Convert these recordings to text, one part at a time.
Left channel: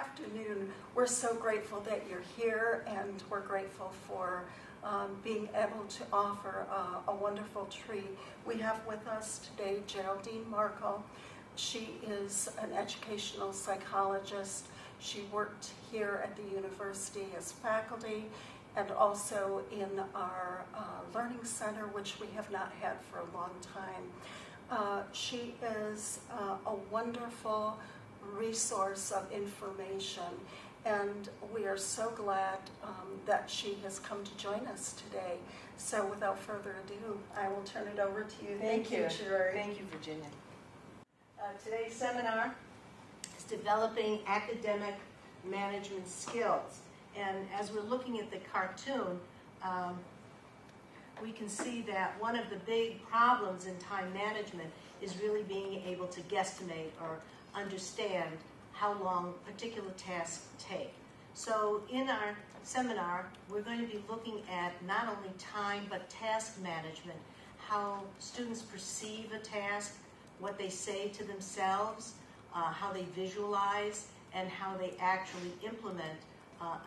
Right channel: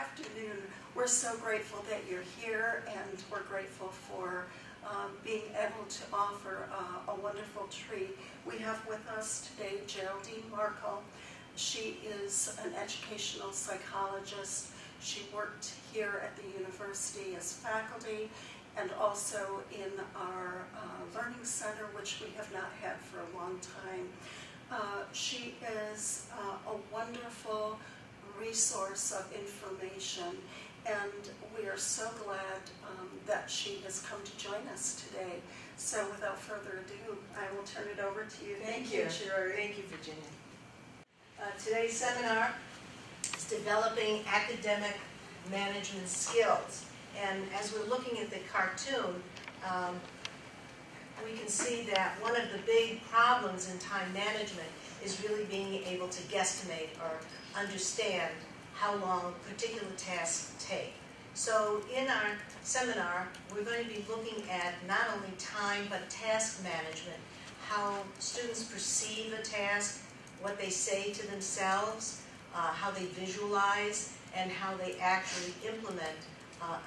afternoon. We're so grateful that you're here, and we're grateful for being able to offer a wonderful treat. We have with us today Geraldine Markle. She is an educational psychologist. She worked here at the university as faculty and also in our learning center, which we have not had for a long time. She is a wonderful resource of information, and we are so glad that she has come to join us today. So without further ado, I will turn it over to you. Thank you, Jerry. Thank you, Virginia. Today's seminar is developing academic management skills. And as we're looking at the cartoon, we can see that one of the big problems in time management is really being able to guesstimate or understand how long particular tasks take. So in our seminar, we're going to be looking at not only time but task management, how students perceive a task, what they say to themselves, how they visualize, and how they actually implement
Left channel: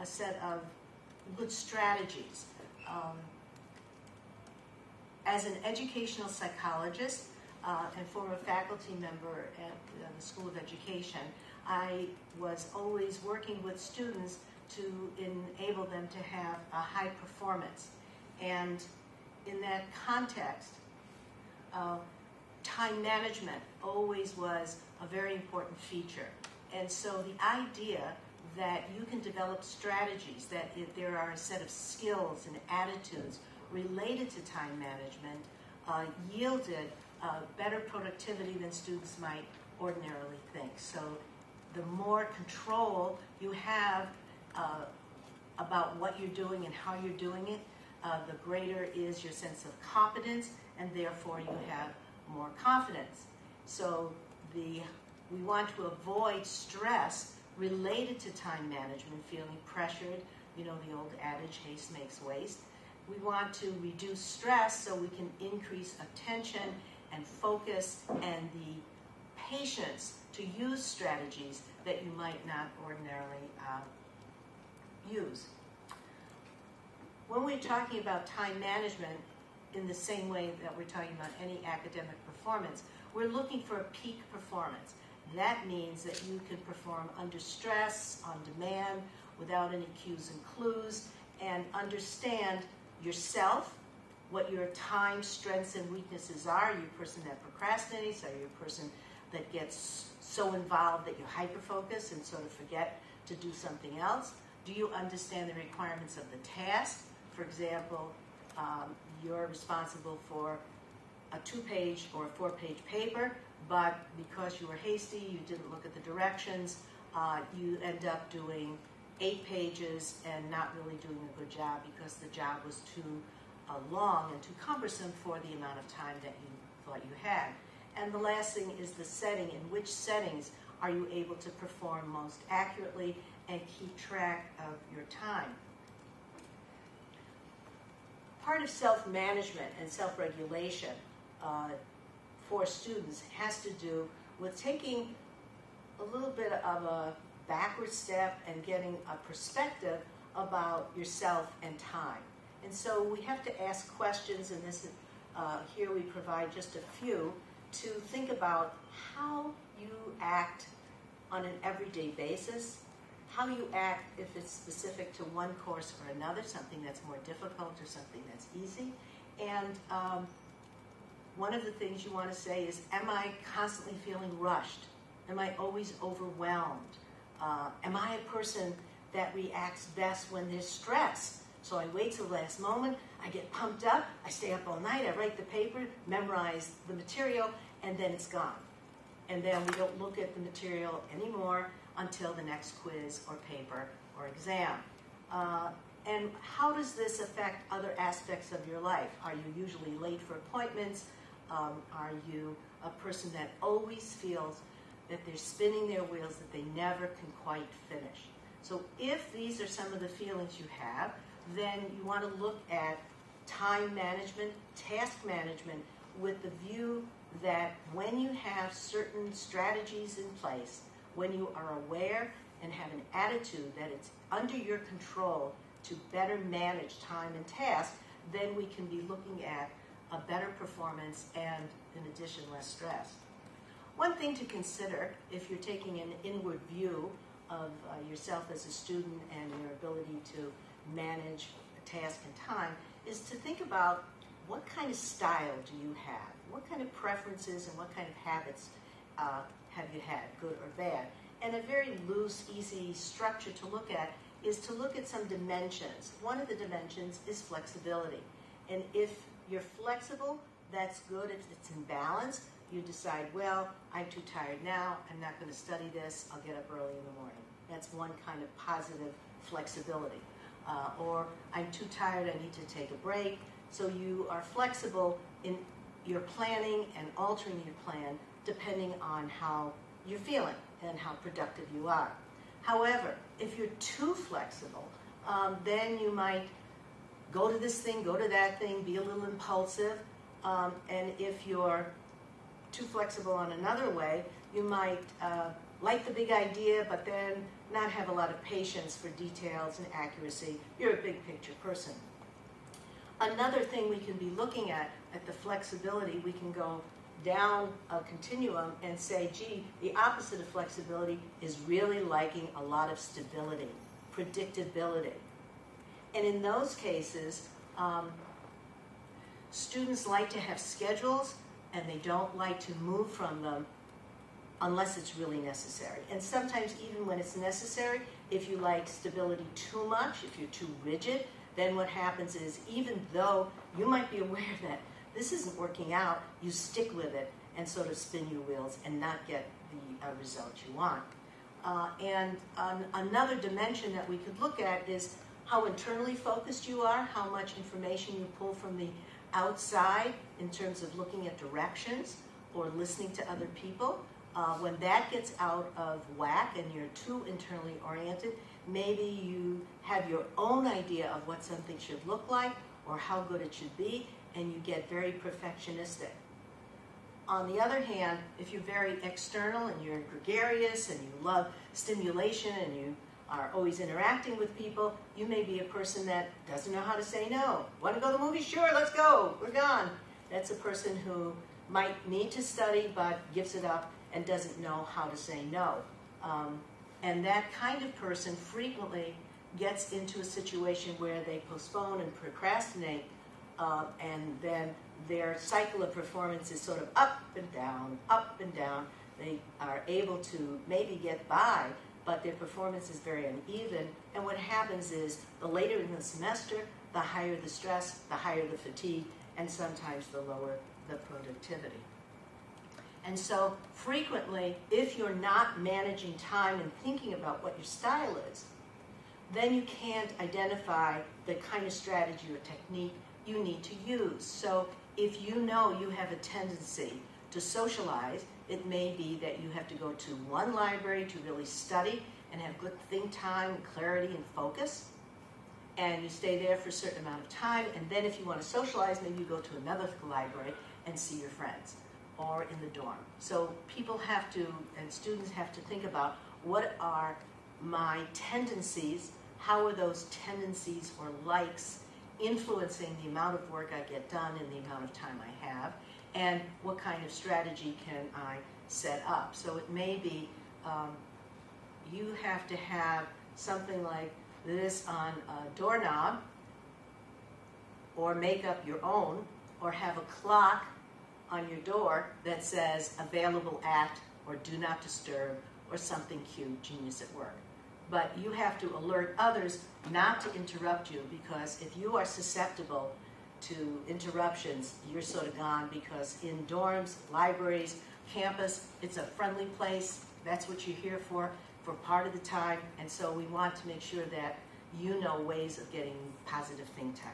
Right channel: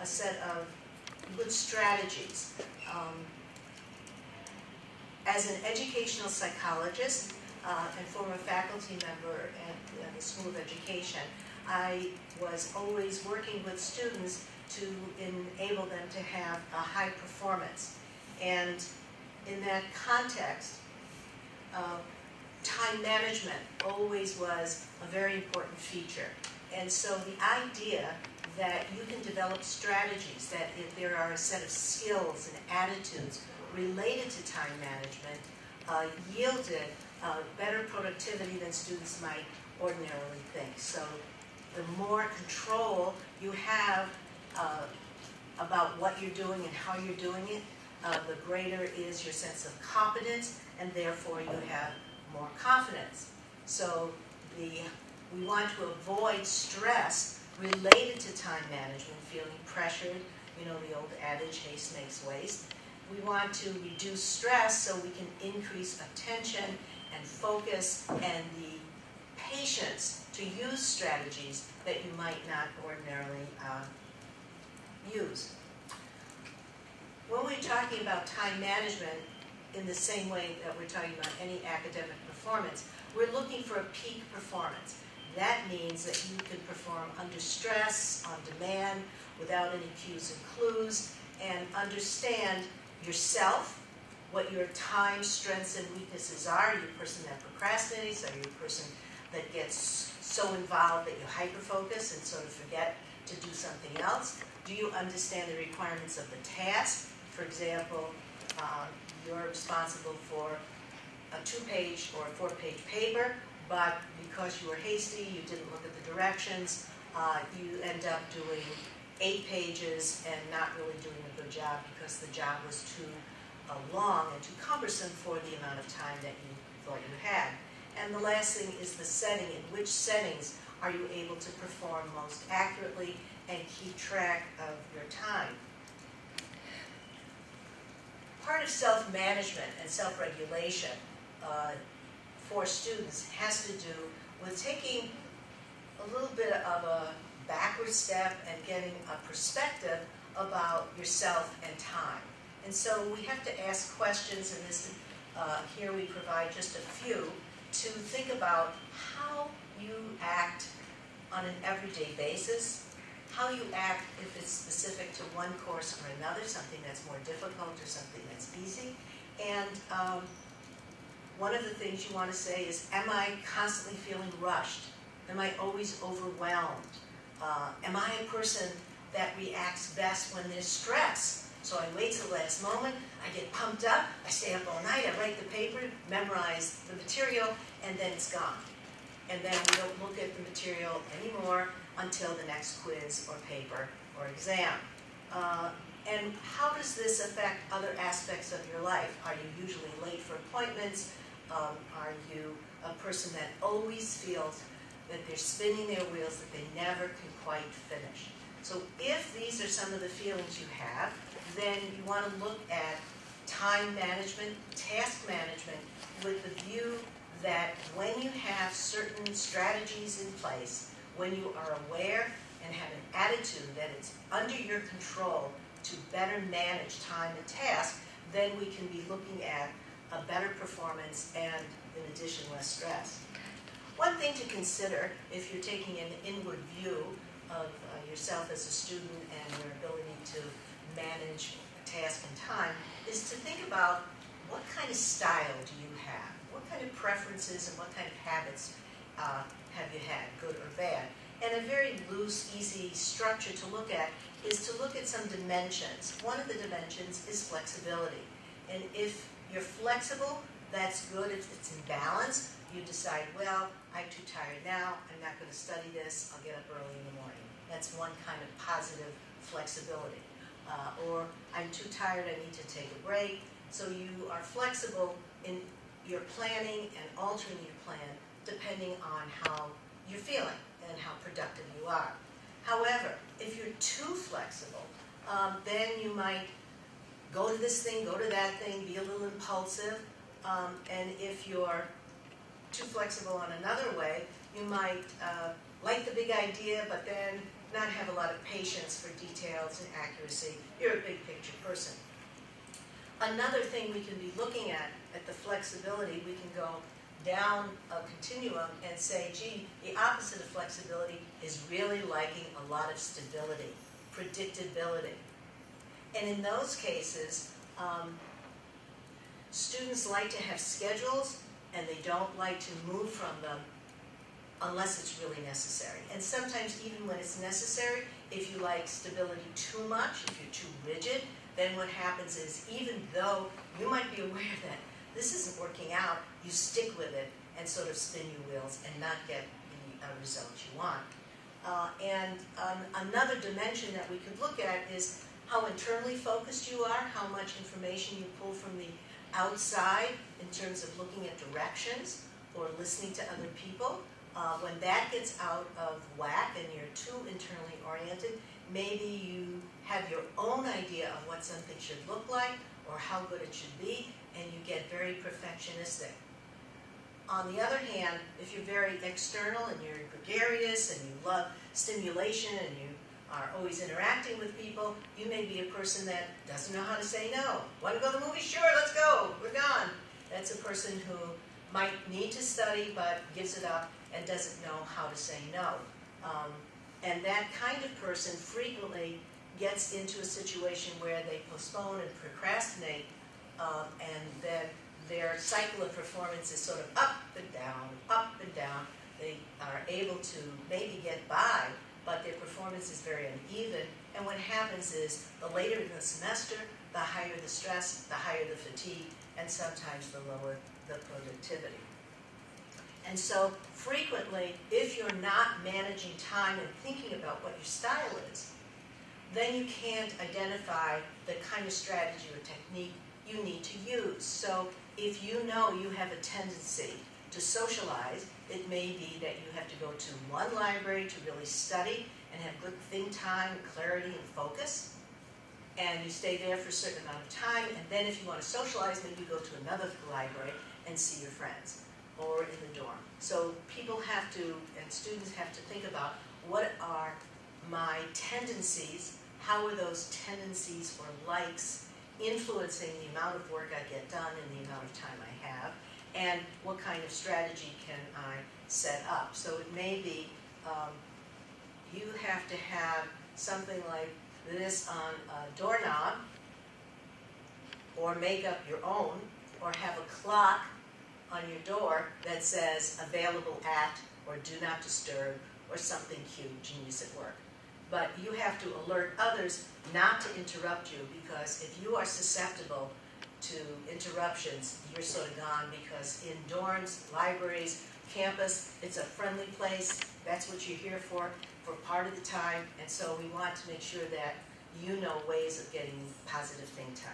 a set of good strategies. As an educational psychologist and former faculty member at the School of Education, I was always working with students to enable them to have a high performance. And in that context, time management always was a very important feature. And so the idea that you can develop strategies, that if there are a set of skills and attitudes related to time management, yielded better productivity than students might ordinarily think. So the more control you have about what you're doing and how you're doing it, the greater is your sense of competence, and therefore you have more confidence. So we want to avoid stress related to time management, feeling pressured, you know the old adage, haste makes waste. We want to reduce stress so we can increase attention and focus and the patience to use strategies that you might not ordinarily use. When we're talking about time management in the same way that we're talking about any academic performance, we're looking for a peak performance. That means that you can perform under stress, on demand, without any cues and clues, and understand yourself, what your time strengths and weaknesses are. Are you a person that procrastinates? Are you a person that gets so involved that you hyperfocus and sort of forget to do something else? Do you understand the requirements of the task? For example, you're responsible for a 2-page or a 4-page paper, but because you were hasty, you didn't look at the directions, you end up doing 8 pages and not really doing a good job because the job was too long and too cumbersome for the amount of time that you thought you had. And the last thing is the setting. In which settings are you able to perform most accurately and keep track of your time? Part of self-management and self-regulation for students has to do with taking a little bit of a backward step and getting a perspective about yourself and time. And so we have to ask questions, and this here we provide just a few, to think about how you act on an everyday basis, how you act if it's specific to one course or another, something that's more difficult or something that's easy. And one of the things you want to say is, am I constantly feeling rushed? Am I always overwhelmed? Am I a person that reacts best when there's stress? So I wait till the last moment, I get pumped up, I stay up all night, I write the paper, memorize the material, and then it's gone. And then we don't look at the material anymore until the next quiz or paper or exam. And how does this affect other aspects of your life? Are you usually late for appointments? Are you a person that always feels that they're spinning their wheels, that they never can quite finish? So if these are some of the feelings you have, then you want to look at time management, task management, with the view that when you have certain strategies in place, when you are aware and have an attitude that it's under your control to better manage time and task, then we can be looking at a better performance and, in addition, less stress. One thing to consider if you're taking an inward view of yourself as a student and your ability to manage task and time is to think about what kind of style do you have? What kind of preferences and what kind of habits have you had, good or bad? And a very loose, easy structure to look at is to look at some dimensions. One of the dimensions is flexibility. And if you're flexible, that's good. If it's in balance, you decide, well, I'm too tired now, I'm not going to study this, I'll get up early in the morning. That's one kind of positive flexibility. Or I'm too tired, I need to take a break. So you are flexible in your planning and altering your plan depending on how you're feeling and how productive you are. However, if you're too flexible, then you might go to this thing, go to that thing, be a little impulsive. And if you're too flexible on another way, you might like the big idea, but then not have a lot of patience for details and accuracy. You're a big picture person. Another thing we can be looking at the flexibility, we can go down a continuum and say, gee, the opposite of flexibility is really liking a lot of stability, predictability. And in those cases, students like to have schedules and they don't like to move from them unless it's really necessary. And sometimes even when it's necessary, if you like stability too much, if you're too rigid, then what happens is even though you might be aware that this isn't working out, you stick with it and sort of spin your wheels and not get the results you want. And another dimension that we could look at is how internally focused you are, how much information you pull from the outside in terms of looking at directions or listening to other people. When that gets out of whack and you're too internally oriented, maybe you have your own idea of what something should look like or how good it should be, and you get very perfectionistic. On the other hand, if you're very external and you're gregarious and you love stimulation and you are always interacting with people, you may be a person that doesn't know how to say no. Want to go to the movie? Sure, let's go. We're gone. That's a person who might need to study but gives it up and doesn't know how to say no. And that kind of person frequently gets into a situation where they postpone and procrastinate, and then their cycle of performance is sort of up and down, up and down. They are able to maybe get by, but their performance is very uneven. And what happens is the later in the semester, the higher the stress, the higher the fatigue, and sometimes the lower the productivity. And so frequently, if you're not managing time and thinking about what your style is, then you can't identify the kind of strategy or technique you need to use. So if you know you have a tendency to socialize, it may be that you have to go to one library to really study and have good think time, clarity, and focus. And you stay there for a certain amount of time, and then if you want to socialize, maybe you go to another library and see your friends, or in the dorm. So people have to, and students have to think about, what are my tendencies, how are those tendencies or likes influencing the amount of work I get done and the amount of time I have, and what kind of strategy can I set up. So it may be you have to have something like this on a doorknob, or make up your own, or have a clock on your door that says available at, or do not disturb, or something cute, genius at work. But you have to alert others not to interrupt you, because if you are susceptible to interruptions, you're sort of gone, because in dorms, libraries, campus, it's a friendly place. That's what you're here for part of the time. And so we want to make sure that you know ways of getting positive think time.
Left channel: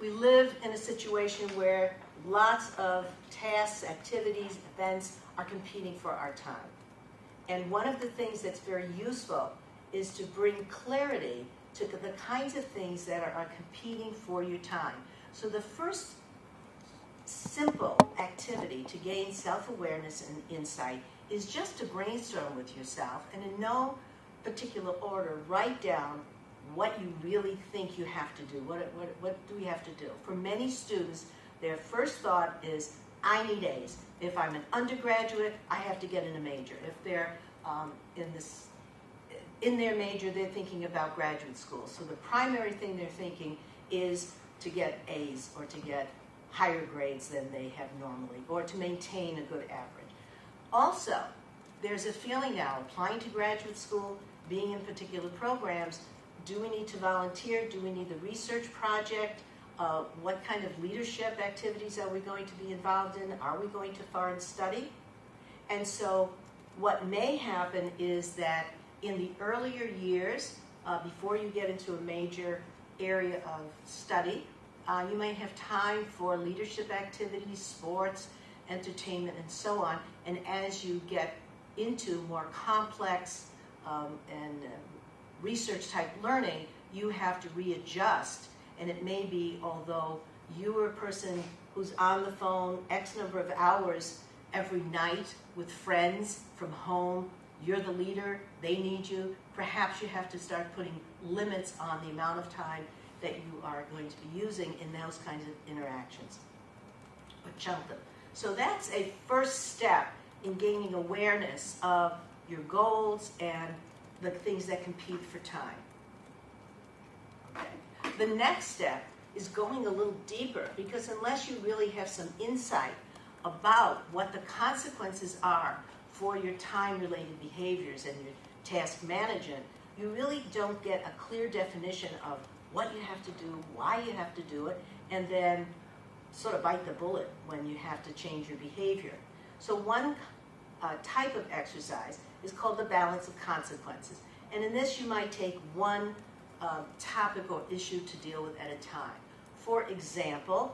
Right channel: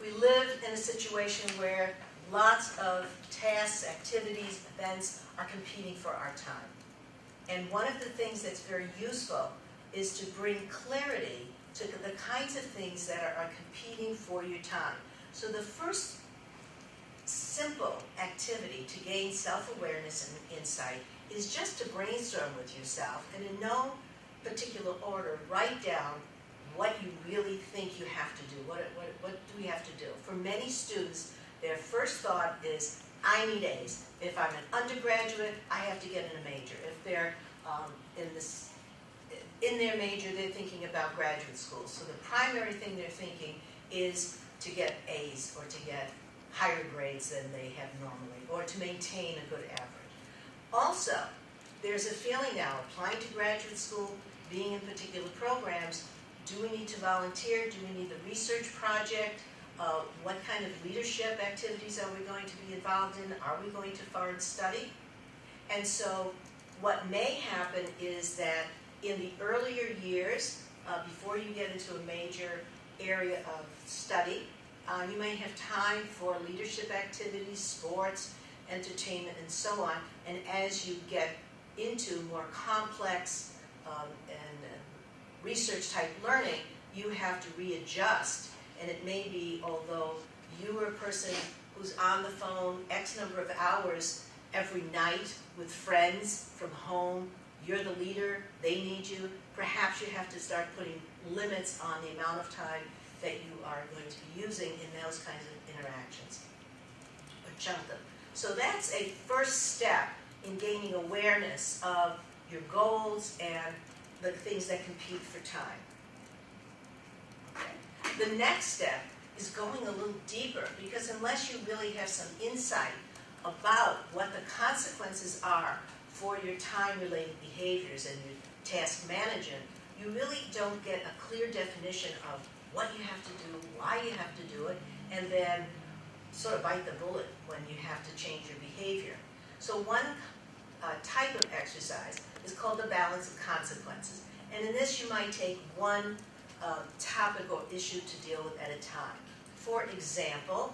We live in a situation where lots of tasks, activities, events are competing for our time. And one of the things that's very useful is to bring clarity to the kinds of things that are competing for your time. So the first simple activity to gain self-awareness and insight is just to brainstorm with yourself and in no particular order write down what you really think you have to do. What do you have to do? For many students, their first thought is, I need A's. If I'm an undergraduate, I have to get in a major. If they're in their major, they're thinking about graduate school. So the primary thing they're thinking is to get A's or to get higher grades than they have normally, or to maintain a good average. Also, there's a feeling now, applying to graduate school, being in particular programs, do we need to volunteer? Do we need the research project? What kind of leadership activities are we going to be involved in? Are we going to foreign study? And so what may happen is that in the earlier years, before you get into a major area of study, you might have time for leadership activities, sports, entertainment, and so on. And as you get into more complex and research-type learning, you have to readjust. And it may be, although you are a person who's on the phone X number of hours every night with friends from home, you're the leader, they need you, perhaps you have to start putting limits on the amount of time that you are going to be using in those kinds of interactions, or chunk them. So that's a first step in gaining awareness of your goals and the things that compete for time. Okay. The next step is going a little deeper, because unless you really have some insight about what the consequences are for your time-related behaviors and your task management, you really don't get a clear definition of what you have to do, why you have to do it, and then sort of bite the bullet when you have to change your behavior. So one type of exercise is called the balance of consequences. And in this, you might take one topic or issue to deal with at a time. For example,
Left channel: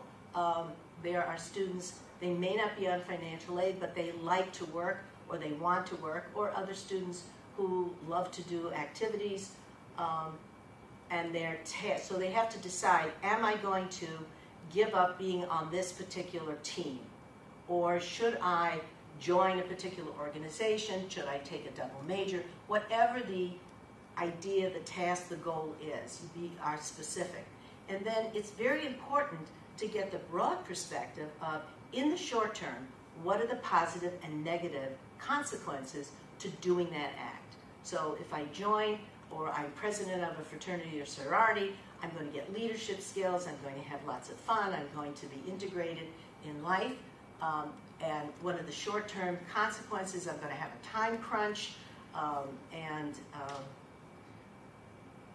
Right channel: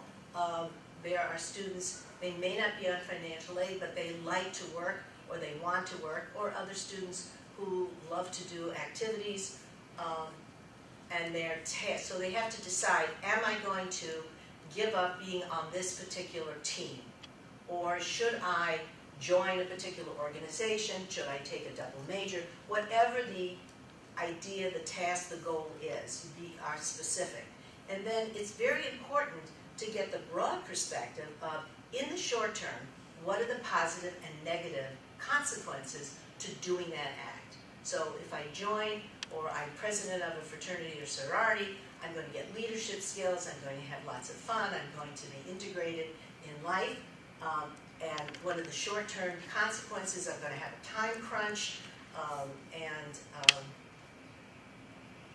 there are students, they may not be on financial aid, but they like to work, or they want to work, or other students who love to do activities, and their tasks. So they have to decide, am I going to give up being on this particular team? Or should I join a particular organization? Should I take a double major? Whatever the idea, the task, the goal is, are specific. And then it's very important to get the broad perspective of, in the short term, what are the positive and negative consequences to doing that act? So if I join, or I'm president of a fraternity or sorority, I'm going to get leadership skills, I'm going to have lots of fun, I'm going to be integrated in life, and what are the short-term consequences? I'm going to have a time crunch, and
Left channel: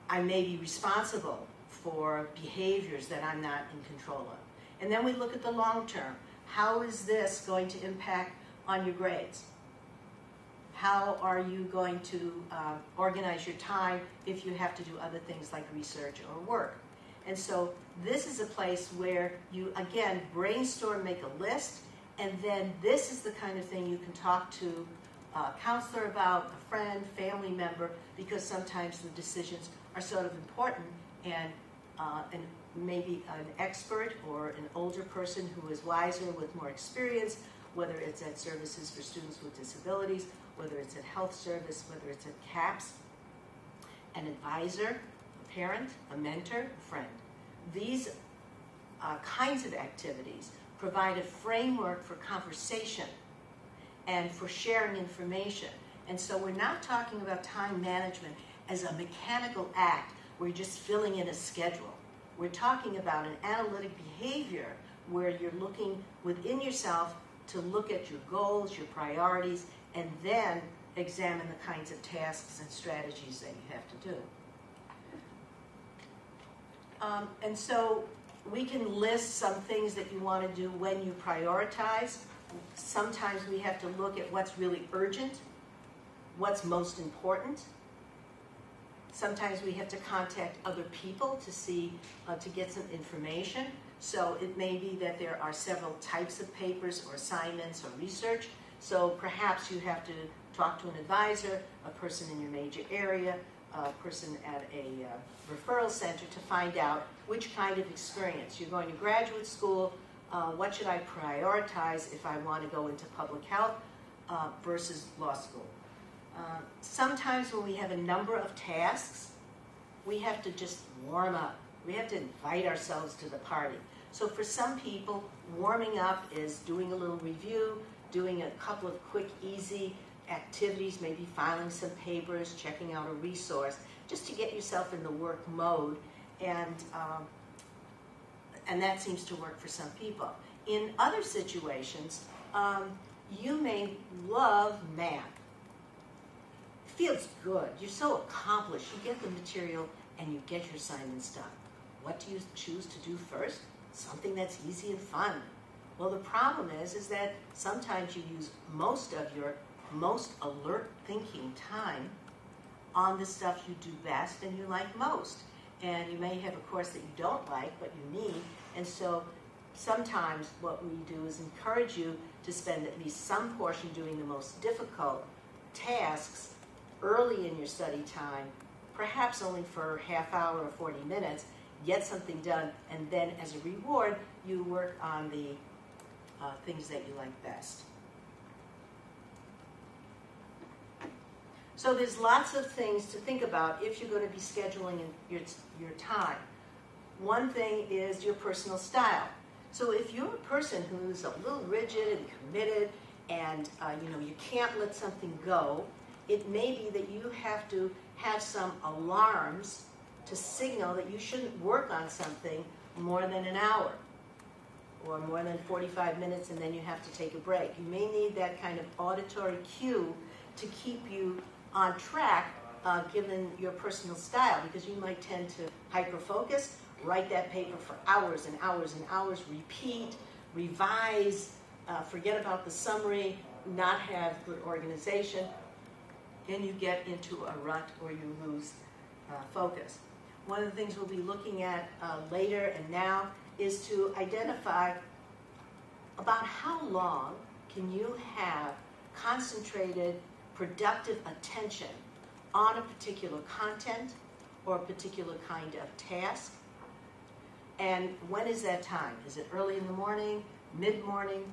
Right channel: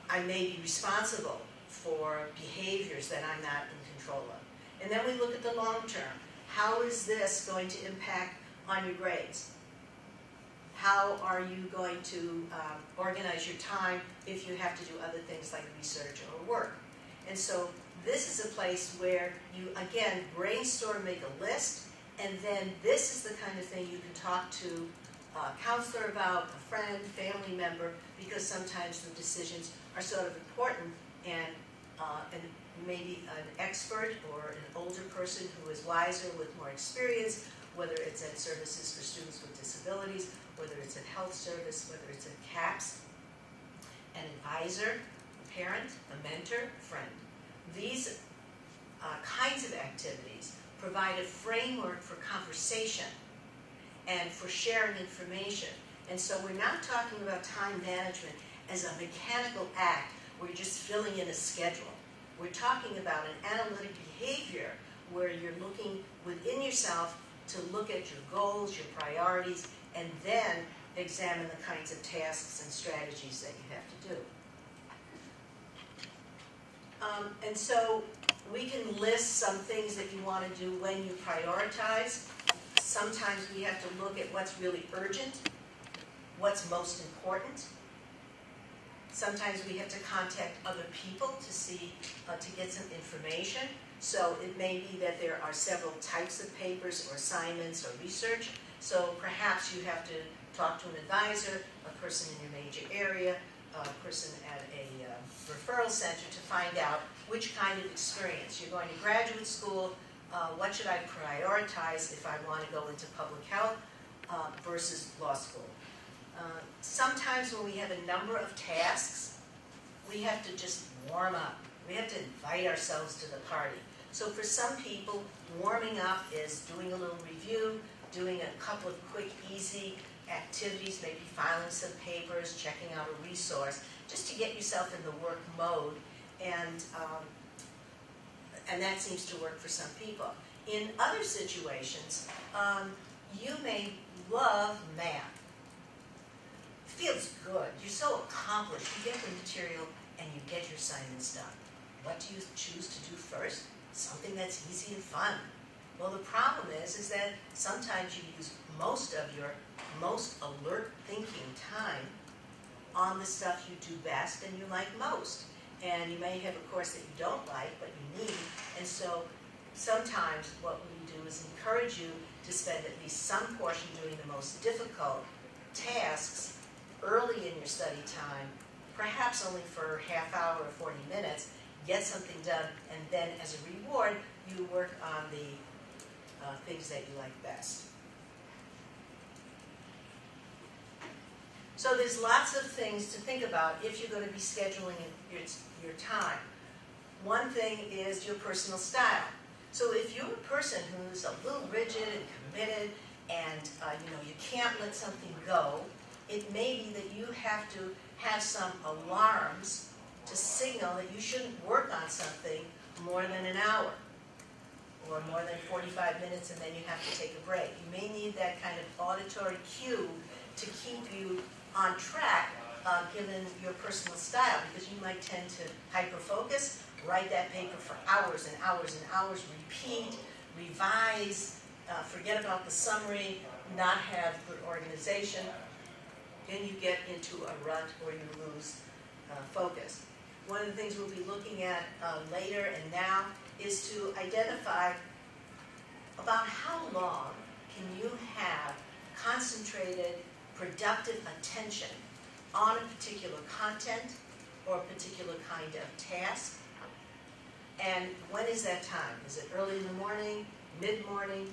I may be responsible for behaviors that I'm not in control of. And then we look at the long term. How is this going to impact on your grades? How are you going to organize your time if you have to do other things like research or work? And so this is a place where you, again, brainstorm, make a list, and then this is the kind of thing you can talk to a counselor about, a friend, family member, because sometimes the decisions are sort of important, and maybe an expert or an older person who is wiser with more experience, whether it's at services for students with disabilities, whether it's at health service, whether it's at CAPS, an advisor, a parent, a mentor, a friend. These kinds of activities provide a framework for conversation and for sharing information. And so we're not talking about time management as a mechanical act where you're just filling in a schedule. We're talking about an analytic behavior where you're looking within yourself to look at your goals, your priorities, and then examine the kinds of tasks and strategies that you have to do. And so we can list some things that you want to do when you prioritize. Sometimes we have to look at what's really urgent, what's most important. Sometimes we have to contact other people to see, to get some information. So it may be that there are several types of papers or assignments or research. So perhaps you have to talk to an advisor, a person in your major area, a person at a referral center to find out which kind of experience. You're going to graduate school, what should I prioritize if I want to go into public health? versus law school. Sometimes when we have a number of tasks, we have to just warm up. We have to invite ourselves to the party. So for some people, warming up is doing a little review, doing a couple of quick, easy activities, maybe filing some papers, checking out a resource, just to get yourself in the work mode, and that seems to work for some people. In other situations, you may love math. It feels good. You're so accomplished. You get the material and you get your assignments done. What do you choose to do first? Something that's easy and fun. Well, the problem is that sometimes you use most of your most alert thinking time on the stuff you do best and you like most. And you may have a course that you don't like, but you need. And so sometimes what we do is encourage you to spend at least some portion doing the most difficult tasks early in your study time, perhaps only for half hour or 40 minutes, get something done, and then as a reward, you work on the things that you like best. So there's lots of things to think about if you're going to be scheduling your time. One thing is your personal style. So if you're a person who's a little rigid and committed, and you can't let something go, it may be that you have to have some alarms to signal that you shouldn't work on something more than an hour or more than 45 minutes, and then you have to take a break. You may need that kind of auditory cue to keep you on track given your personal style, because you might tend to hyper-focus, write that paper for hours and hours and hours, repeat, revise, forget about the summary, not have good organization, then you get into a rut or you lose focus. One of the things we'll be looking at later and now is to identify about how long can you have concentrated, productive attention on a particular content or a particular kind of task. And when is that time? Is it early in the morning, mid-morning?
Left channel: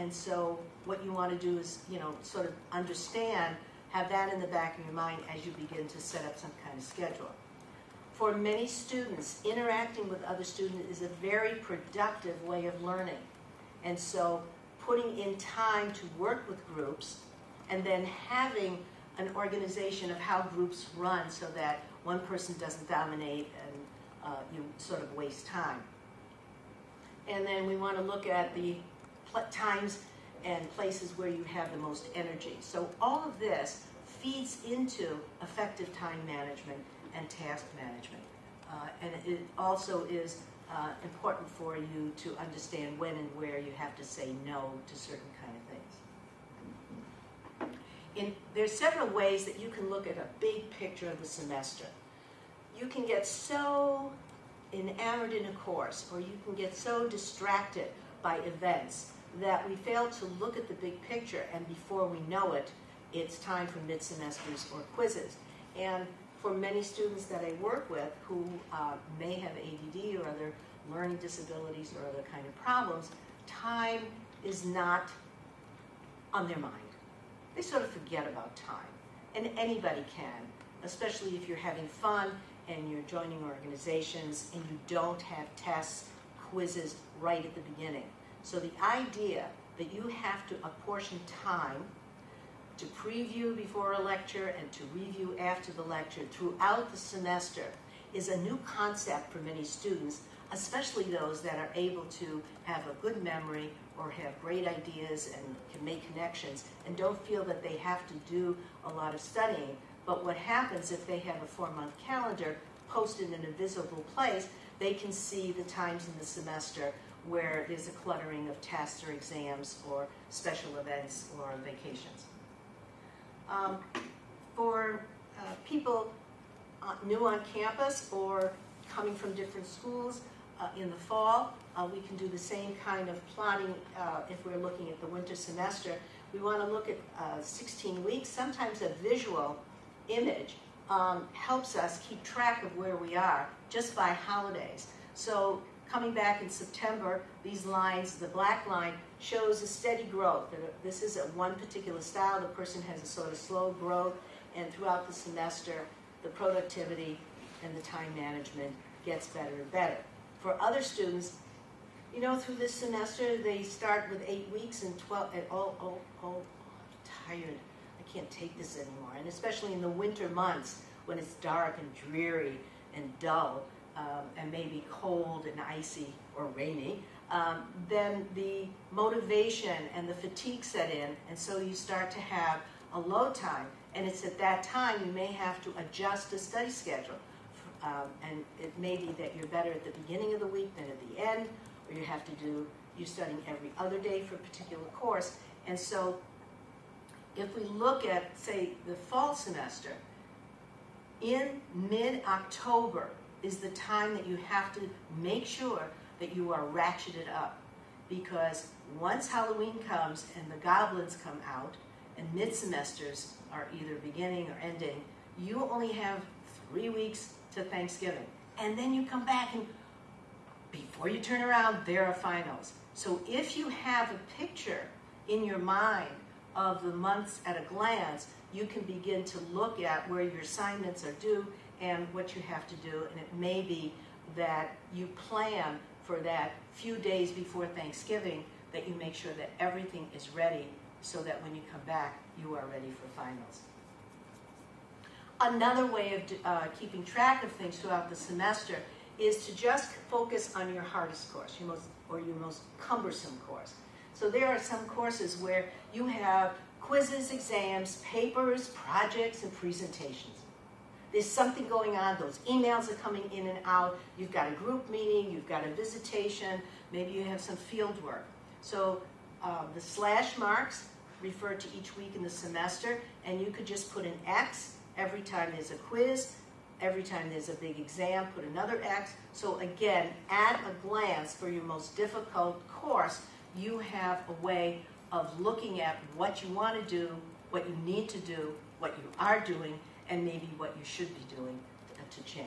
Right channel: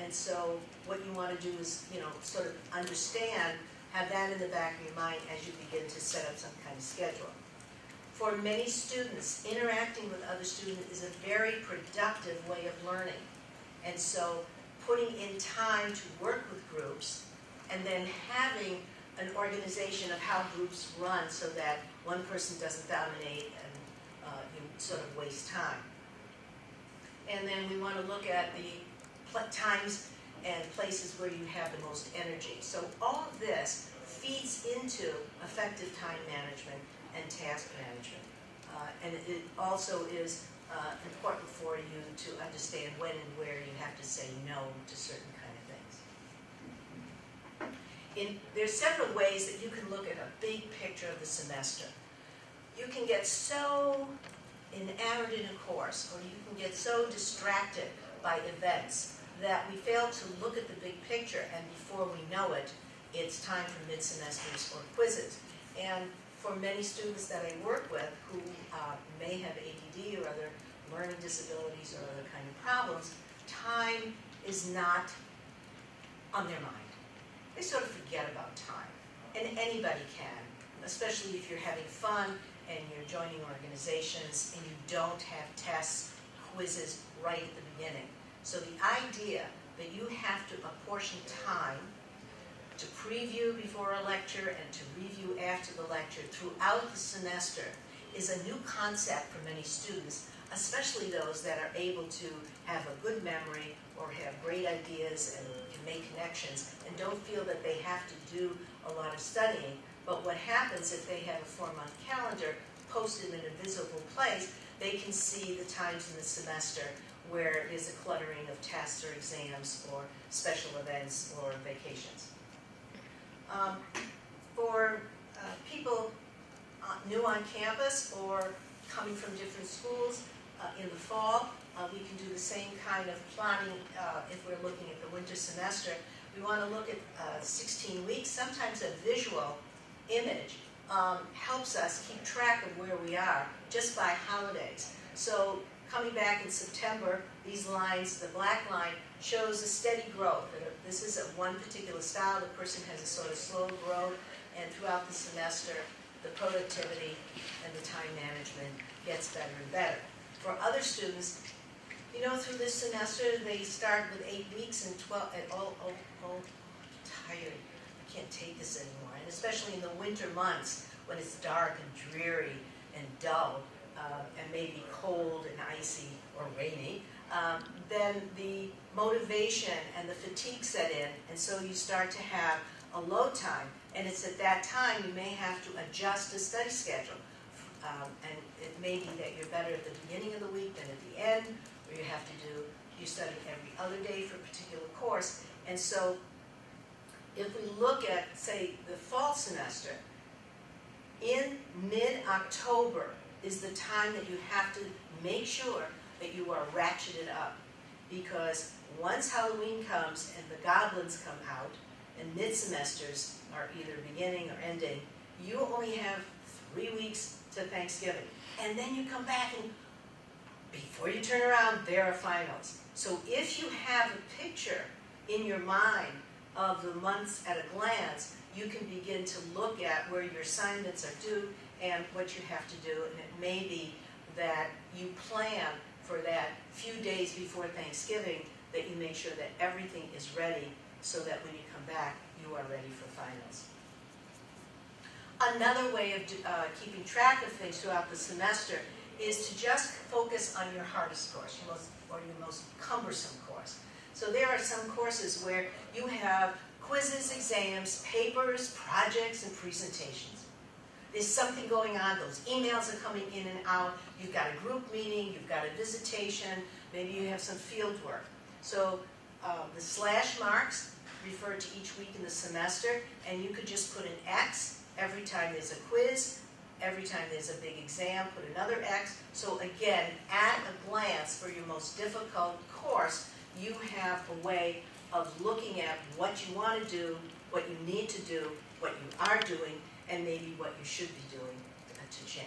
And so what you want to do is, sort of understand, have that in the back of your mind as you begin to set up some kind of schedule. For many students, interacting with other students is a very productive way of learning. And so putting in time to work with groups and then having an organization of how groups run so that one person doesn't dominate and you sort of waste time. And then we want to look at the times and places where you have the most energy. So all of this feeds into effective time management and task management. And it also is important for you to understand when and where you have to say no to certain kind of things. There's several ways that you can look at a big picture of the semester. You can get so enamored in a course, or you can get so distracted by events that we fail to look at the big picture, and before we know it, it's time for mid-semesters or quizzes. And for many students that I work with who may have ADD or other learning disabilities or other kind of problems, time is not on their mind. They sort of forget about time. And anybody can, especially if you're having fun and you're joining organizations and you don't have tests, quizzes right at the beginning. So the idea that you have to apportion time to preview before a lecture and to review after the lecture throughout the semester is a new concept for many students, especially those that are able to have a good memory or have great ideas and can make connections and don't feel that they have to do a lot of studying. But what happens if they have a 4-month calendar posted in a visible place, they can see the times in the semester where there's a cluttering of tests or exams or special events or vacations. For people new on campus or coming from different schools in the fall, we can do the same kind of plotting if we're looking at the winter semester. We want to look at 16 weeks. Sometimes a visual image helps us keep track of where we are just by holidays. So coming back in September, these lines, the black line, shows a steady growth. This is one particular style. The person has a sort of slow growth, and throughout the semester, the productivity and the time management gets better and better. For other students, you know, through this semester, they start with 8 weeks and 12, tired. I can't take this anymore. And especially in the winter months when it's dark and dreary and dull, and maybe cold and icy or rainy, then the motivation and the fatigue set in, and so you start to have a low time, and it's at that time you may have to adjust the study schedule. And it may be that you're better at the beginning of the week than at the end, or you have to do, you're studying every other day for a particular course. And so if we look at, say, the fall semester, in mid-October is the time that you have to make sure that you are ratcheted up. Because once Halloween comes and the goblins come out, and mid-semesters are either beginning or ending, you only have 3 weeks to Thanksgiving. And then you come back and before you turn around, there are finals. So if you have a picture in your mind of the months at a glance, you can begin to look at where your assignments are due and what you have to do. And it may be that you plan for that few days before Thanksgiving that you make sure that everything is ready so that when you come back, you are ready for finals. Another way of keeping track of things throughout the semester is to just focus on your hardest course, your most cumbersome course. So there are some courses where you have quizzes, exams, papers, projects, and presentations. There's something going on. Those emails are coming in and out. You've got a group meeting. You've got a visitation. Maybe you have some field work. So the slash marks refer to each week in the semester, and you could just put an X every time there's a quiz. Every time there's a big exam, put another X. So again, at a glance for your most difficult course, you have a way of looking at what you want to do, what you need to do, what you are doing, and maybe what you should be doing to change.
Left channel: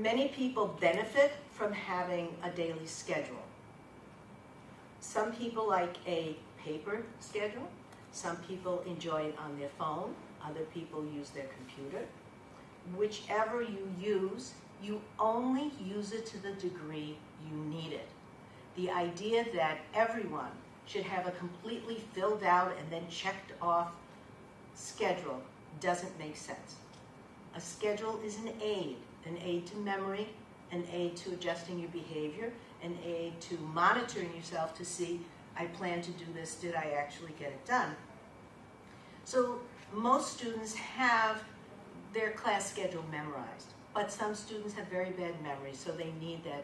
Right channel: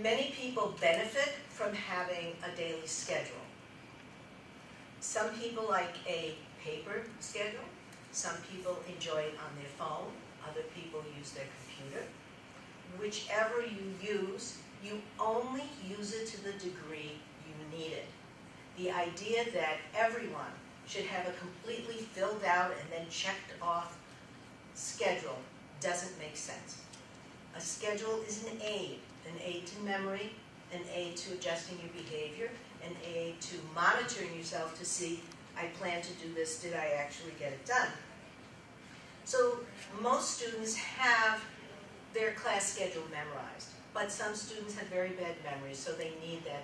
Many people benefit from having a daily schedule. Some people like a paper schedule. Some people enjoy it on their phone. Other people use their computer. Whichever you use, you only use it to the degree you need it. The idea that everyone should have a completely filled out and then checked off schedule doesn't make sense. A schedule is an aid to memory, an aid to adjusting your behavior, an aid to monitoring yourself to see, I plan to do this, did I actually get it done? So most students have their class schedule memorized, but some students have very bad memory, so they need to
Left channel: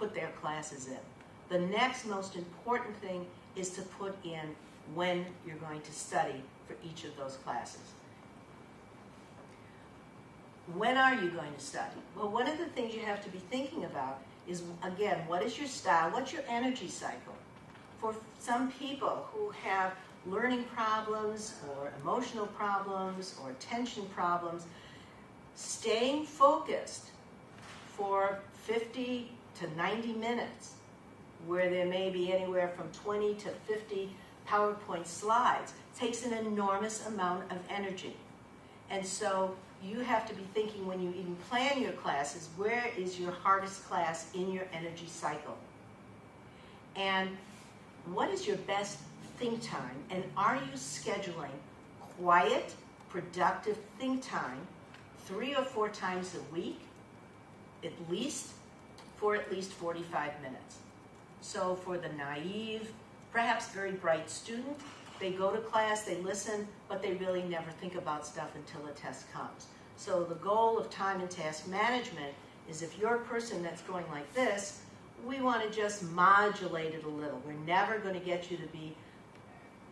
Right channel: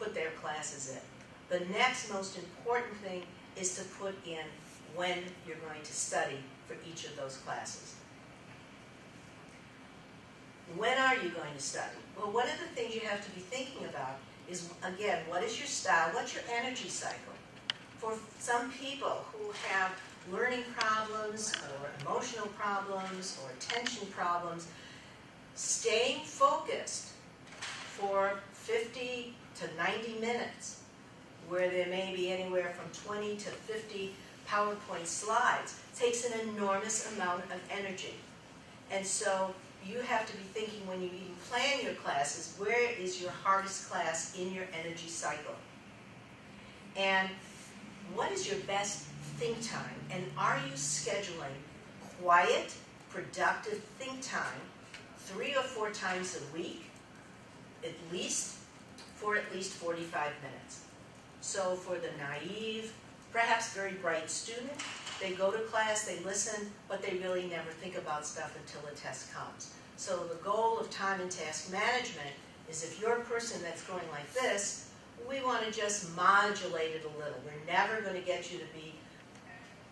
put their classes in. The next most important thing is to put in when you're going to study for each of those classes. When are you going to study? Well, one of the things you have to be thinking about is, again, what is your style? What's your energy cycle? For some people who have learning problems or emotional problems or attention problems, staying focused for 50 to 90 minutes, where there may be anywhere from 20 to 50 PowerPoint slides, takes an enormous amount of energy. And so you have to be thinking when you even plan your classes, where is your hardest class in your energy cycle? And what is your best think time? And are you scheduling quiet, productive think time 3 or 4 times a week, for at least 45 minutes? So for the naive, perhaps very bright student, they go to class, they listen, but they really never think about stuff until the test comes. So the goal of time and task management is, if you're a person that's going like this, we want to just modulate it a little. We're never going to get you to be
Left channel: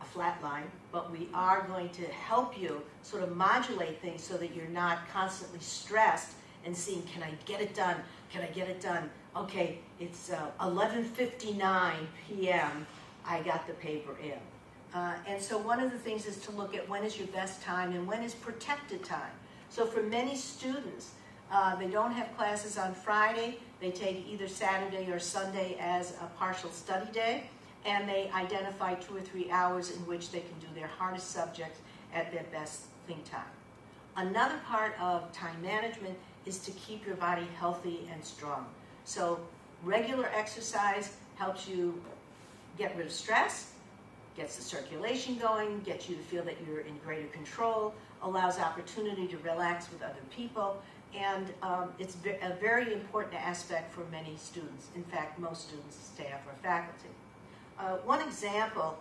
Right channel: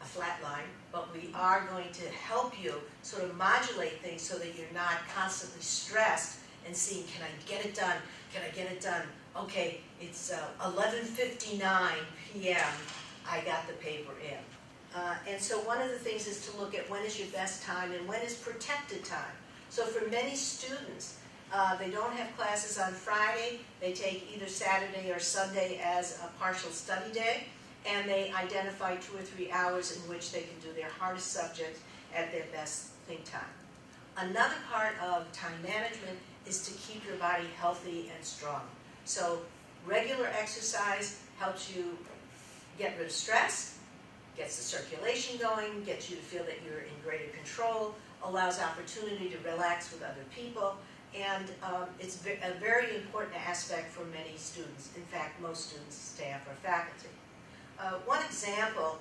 a flat line, but we are going to help you sort of modulate things so that you're not constantly stressed and seeing, can I get it done? Can I get it done? Okay, it's 11:59 p.m. I got the paper in. And so one of the things is to look at when is your best time and when is protected time. So for many students, They don't have classes on Friday. They take either Saturday or Sunday as a partial study day, and they identify 2 or 3 hours in which they can do their hardest subjects at their best think time. Another part of time management is to keep your body healthy and strong. So regular exercise helps you get rid of stress, gets the circulation going, gets you to feel that you're in greater control, allows opportunity to relax with other people, and it's a very important aspect for many students. In fact, most students, staff, or faculty. One example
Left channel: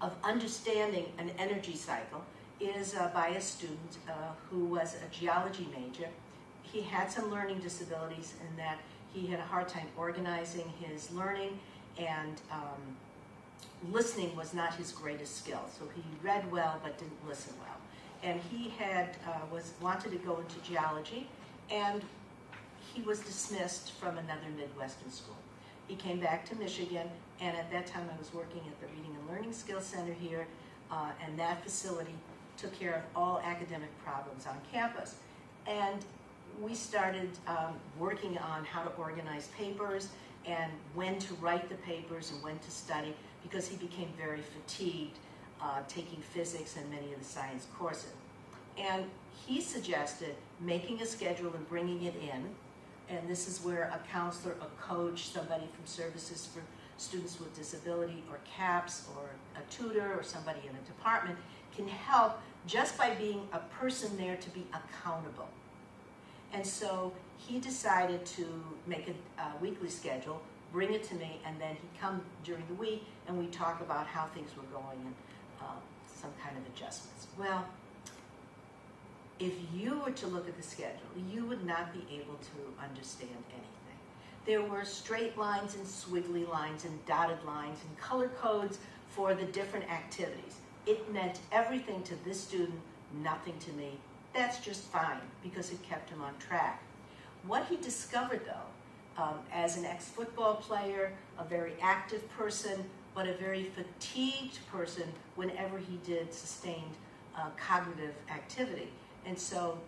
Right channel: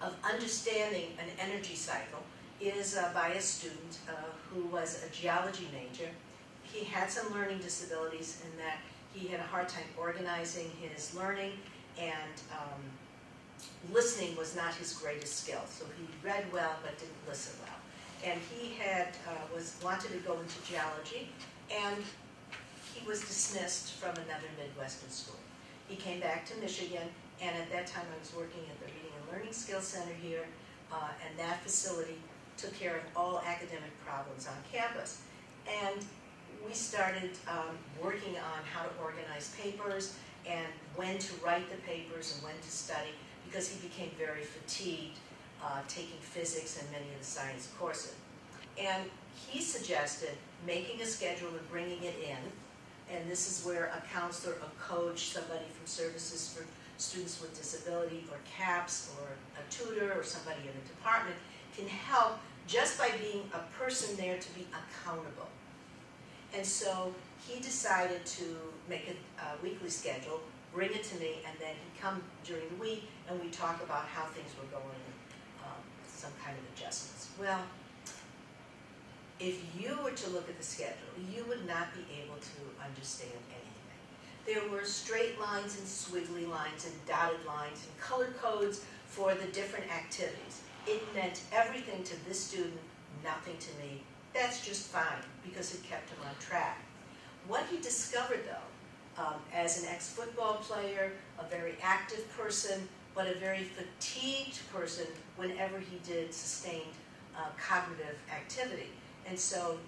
of understanding an energy cycle is by a student who was a geology major. He had some learning disabilities in that he had a hard time organizing his learning, and listening was not his greatest skill. So he read well but didn't listen well. And he had wanted to go into geology, and he was dismissed from another Midwestern school. He came back to Michigan, and at that time I was working at the Reading and Learning Skills Center here, and that facility took care of all academic problems on campus. And we started working on how to organize papers and when to write the papers and when to study, because he became very fatigued taking physics and many of the science courses. And he suggested making a schedule and bringing it in, and this is where a counselor, a coach, somebody from Services for Students with Disability, or CAPS, or a tutor, or somebody in a department can help just by being a person there to be accountable. And so he decided to make a weekly schedule, bring it to me, and then he'd come during the week and we'd talk about how things were going and some kind of adjustments. Well, if you were to look at the schedule, you would not be able to understand anything. There were straight lines and squiggly lines and dotted lines and color codes for the different activities. It meant everything to this student, nothing to me. That's just fine, because it kept him on track. What he discovered, though, as an ex-football player, a very active person, but a very fatigued person whenever he did sustained cognitive activity. And so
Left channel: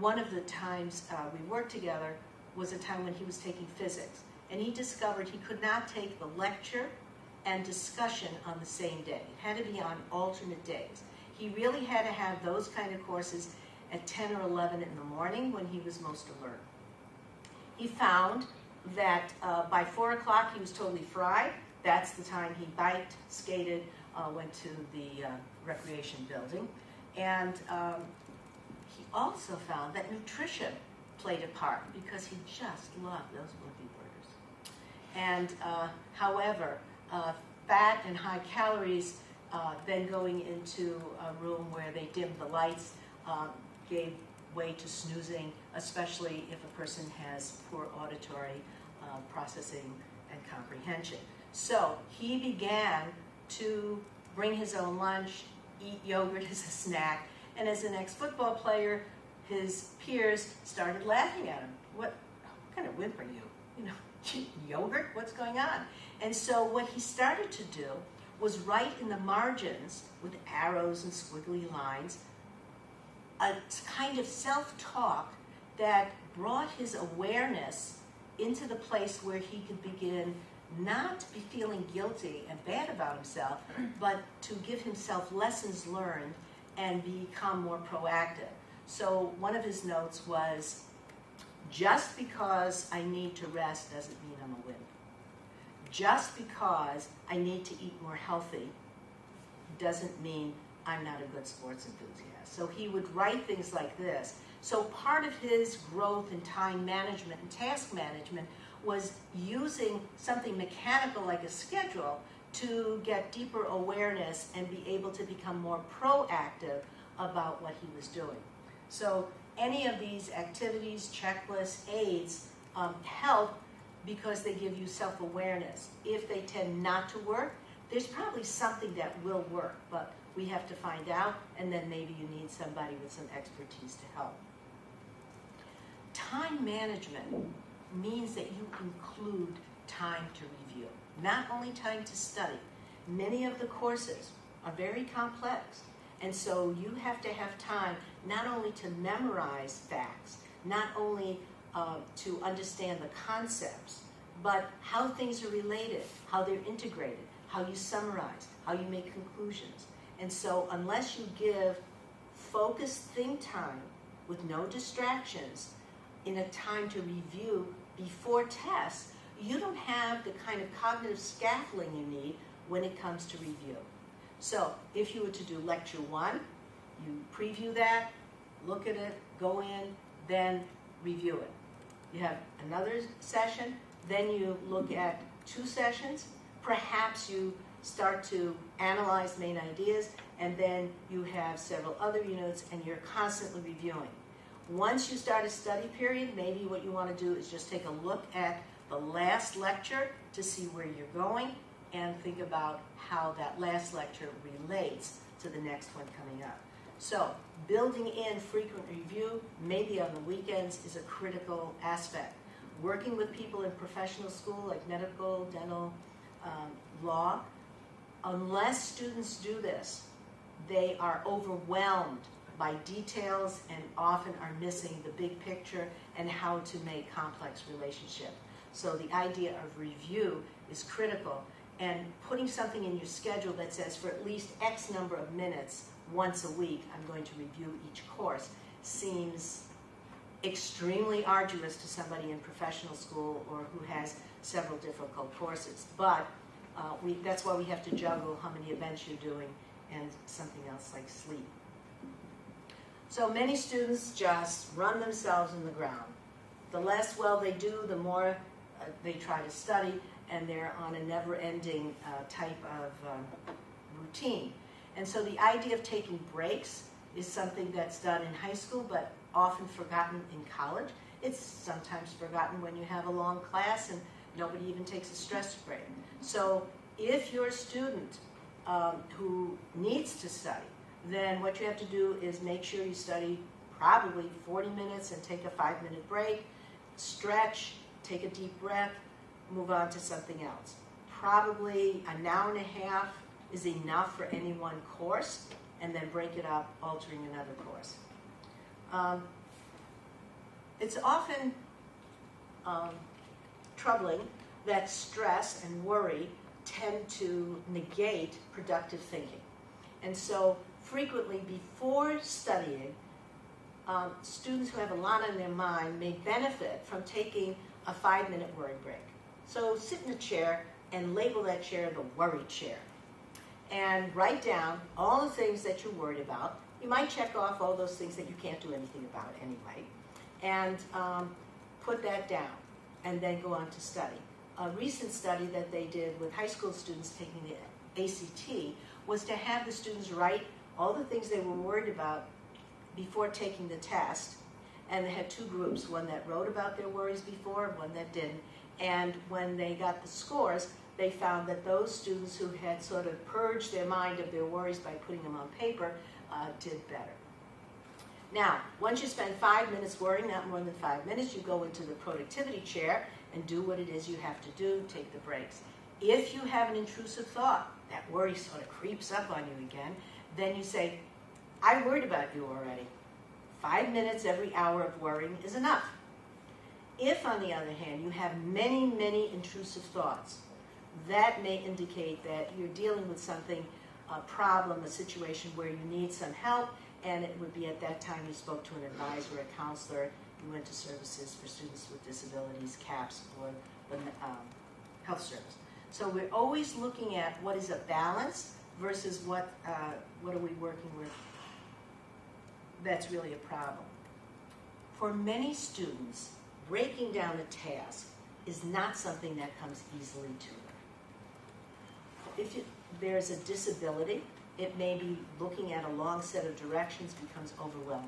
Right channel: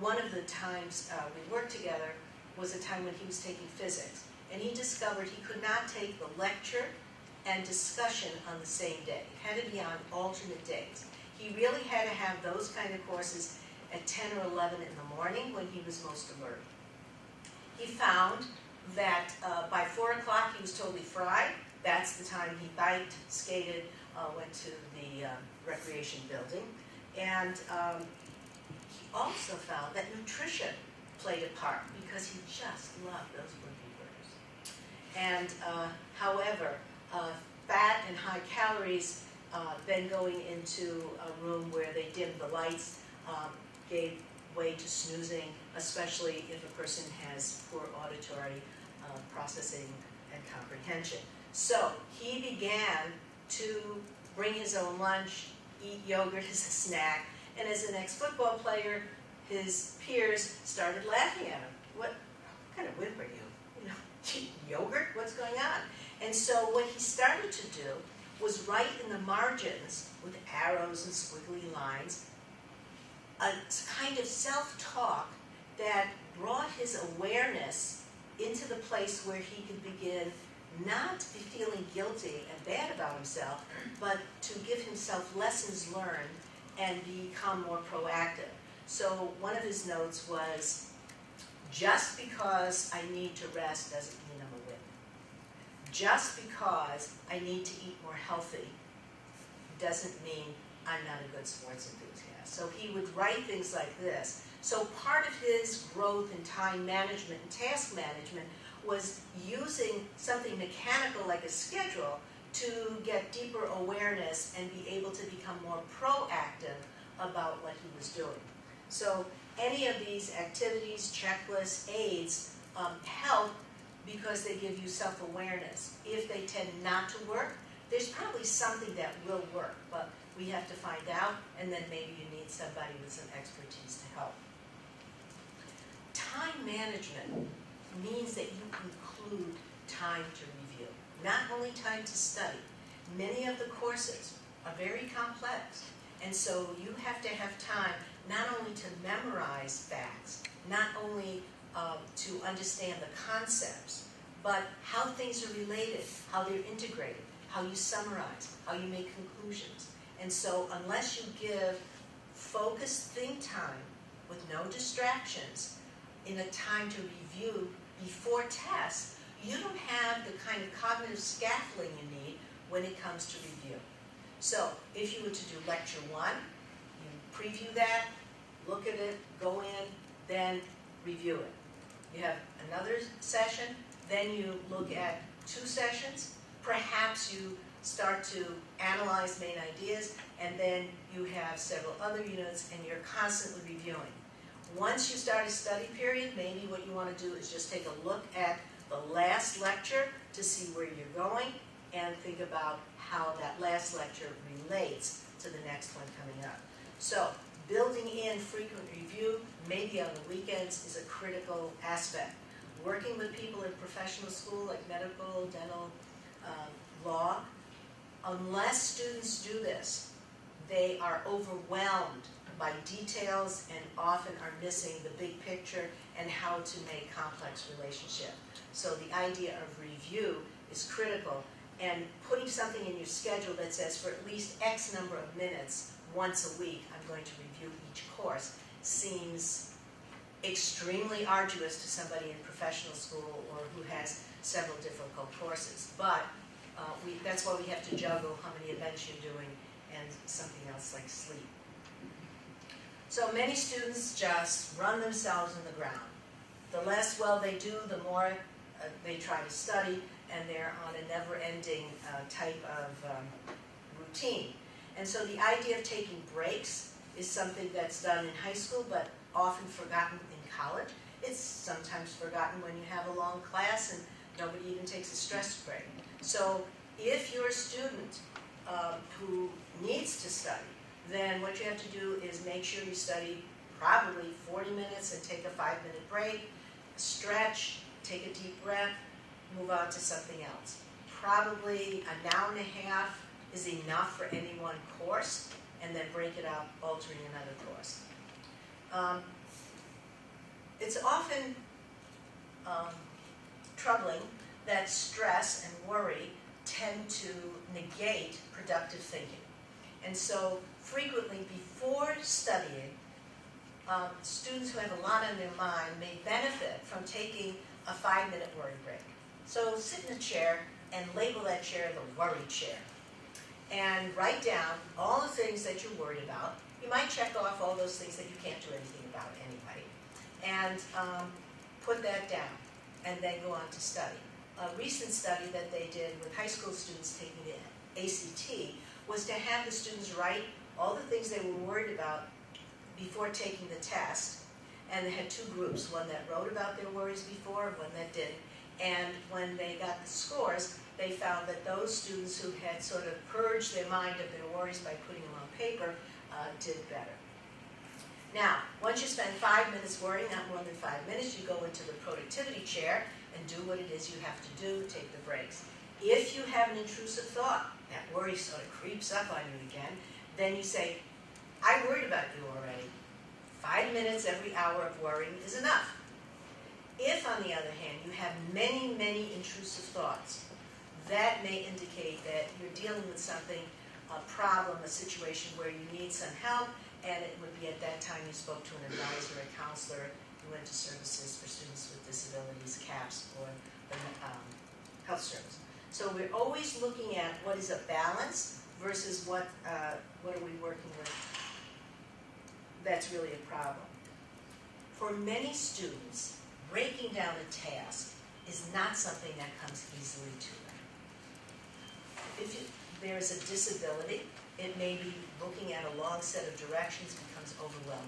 one of the times we worked together was a time when he was taking physics. And he discovered he could not take the lecture and discussion on the same day. It had to be on alternate days. He really had to have those kind of courses at 10 or 11 in the morning when he was most alert. He found that by 4 o'clock he was totally fried. That's the time he biked, skated, went to the recreation building. And he also found that nutrition played a part because he just loved those boogie burgers. And however, fat and high calories, then going into a room where they dimmed the lights, gave way to snoozing, especially if a person has poor auditory processing and comprehension. So he began to bring his own lunch, eat yogurt as a snack, and as an ex-football player, his peers started laughing at him. What kind of wimp are you? You know, yogurt? What's going on? And so what he started to do was write in the margins with arrows and squiggly lines a kind of self-talk that brought his awareness into the place where he could begin not to be feeling guilty and bad about himself, but to give himself lessons learned and become more proactive. So one of his notes was, just because I need to rest doesn't mean I'm a wimp. Just because I need to eat more healthy doesn't mean I'm not a good sports enthusiast. So he would write things like this. So part of his growth in time management and task management was using something mechanical like a schedule to get deeper awareness and be able to become more proactive about what he was doing. So any of these activities, checklists, aids help because they give you self-awareness. If they tend not to work, there's probably something that will work, but we have to find out, and then maybe you need somebody with some expertise to help. Time management means that you include time to review, not only time to study. Many of the courses are very complex, and so you have to have time not only to memorize facts, not only to understand the concepts, but how things are related, how they're integrated, how you summarize, how you make conclusions. And so unless you give focused think time with no distractions in a time to review before tests, you don't have the kind of cognitive scaffolding you need when it comes to review. So if you were to do lecture 1, you preview that, look at it, go in, then review it. You have another session, then you look at 2 sessions. Perhaps you start to analyze main ideas, and then you have several other units, and you're constantly reviewing. Once you start a study period, maybe what you want to do is just take a look at the last lecture to see where you're going, and think about how that last lecture relates to the next one coming up. So building in frequent review, maybe on the weekends, is a critical aspect. Working with people in professional school like medical, dental, law, unless students do this, they are overwhelmed by details and often are missing the big picture and how to make complex relationships. So the idea of review is critical, and putting something in your schedule that says for at least X number of minutes once a week I'm going to review each course seems extremely arduous to somebody in professional school or who has several difficult courses. But that's why we have to juggle how many events you're doing and something else like sleep. So many students just run themselves in the ground. The less well they do, the more they try to study, and they're on a never-ending type of routine. And so the idea of taking breaks is something that's done in high school, but often forgotten in college. It's sometimes forgotten when you have a long class and nobody even takes a stress break. So if you're a student who needs to study, then what you have to do is make sure you study probably 40 minutes and take a 5-minute break, stretch, take a deep breath, move on to something else. Probably an hour and a half is enough for any one course, and then break it up, altering another course. It's often troubling that stress and worry tend to negate productive thinking. And so frequently before studying, students who have a lot on their mind may benefit from taking a 5-minute worry break. So sit in a chair and label that chair the worry chair. And write down all the things that you're worried about. You might check off all those things that you can't do anything about anyway. And put that down, and then go on to study. A recent study that they did with high school students taking the ACT was to have the students write all the things they were worried about before taking the test. And they had 2 groups, one that wrote about their worries before and one that didn't. And when they got the scores, they found that those students who had sort of purged their mind of their worries by putting them on paper did better. Now, once you spend 5 minutes worrying, not more than 5 minutes, you go into the productivity chair and do what it is you have to do, take the breaks. If you have an intrusive thought, that worry sort of creeps up on you again, then you say, I worried about you already. 5 minutes every hour of worrying is enough. If, on the other hand, you have many, many intrusive thoughts, that may indicate that you're dealing with something, a problem, a situation where you need some help, and it would be at that time you spoke to an advisor, a counselor, you went to services for students with disabilities, CAPS, or the health service. So we're always looking at what is a balance versus what are we working with that's really a problem. For many students, breaking down a task is not something that comes easily to them. If there's a disability, it may be looking at a long set of directions becomes overwhelming.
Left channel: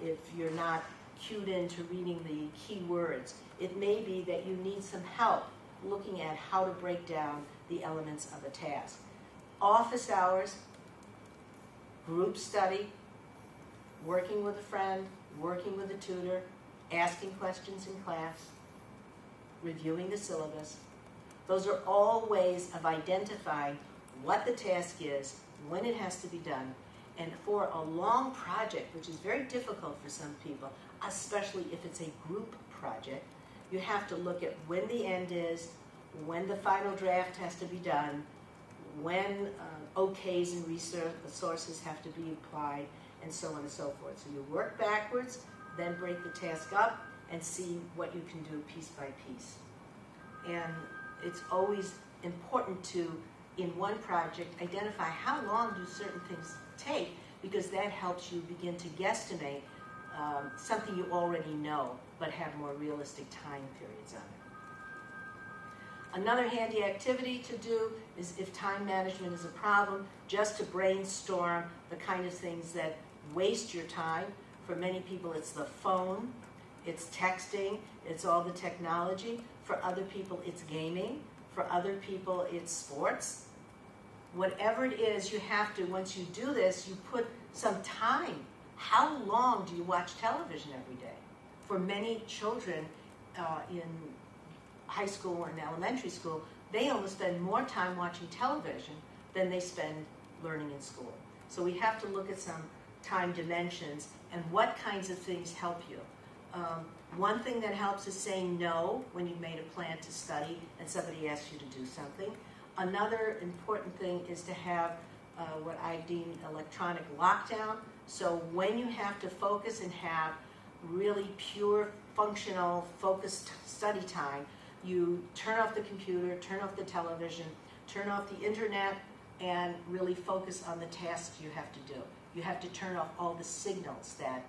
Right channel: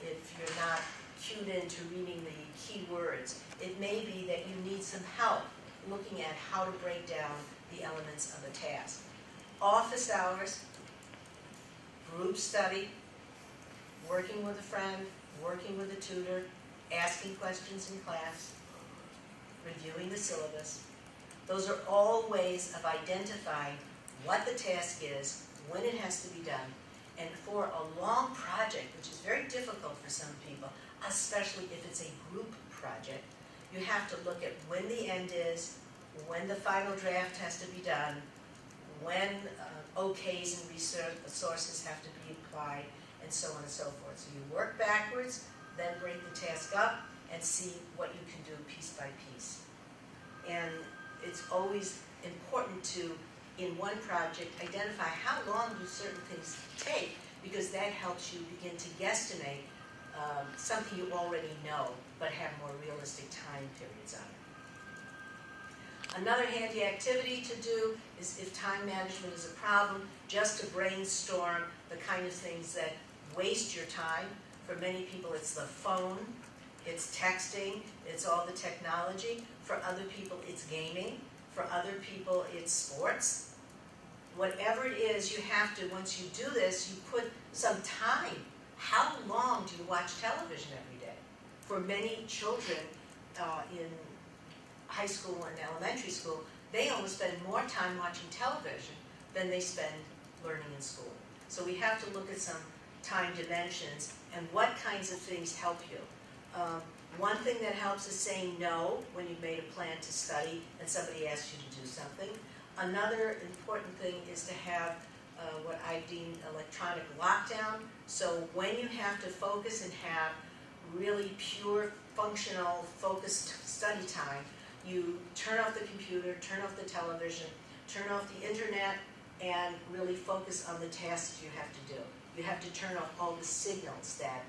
If you're not cued into reading the key words, it may be that you need some help looking at how to break down the elements of a task. Office hours, group study, working with a friend, working with a tutor, asking questions in class, reviewing the syllabus. Those are all ways of identifying what the task is, when it has to be done, And for a long project, which is very difficult for some people, especially if it's a group project, you have to look at when the end is, when the final draft has to be done, when OKs and resources have to be applied, and so on and so forth. So you work backwards, then break the task up, and see what you can do piece by piece. And it's always important to, in one project, identify how long do certain things take, because that helps you begin to guesstimate something you already know, but have more realistic time periods on it. Another handy activity to do is, if time management is a problem, just to brainstorm the kind of things that waste your time. For many people, it's the phone, it's texting, it's all the technology. For other people, it's gaming. For other people, it's sports. Whatever it is, you have to, once you do this, you put some time. How long do you watch television every day? For many children in high school and elementary school, they almost spend more time watching television than they spend learning in school. So we have to look at some time dimensions and what kinds of things help you. One thing that helps is saying no when you've made a plan to study and somebody asks you to do something. Another important thing is to have what I deem electronic lockdown. So when you have to focus and have really pure, functional, focused study time, you turn off the computer, turn off the television, turn off the internet, and really focus on the tasks you have to do. You have to turn off all the signals that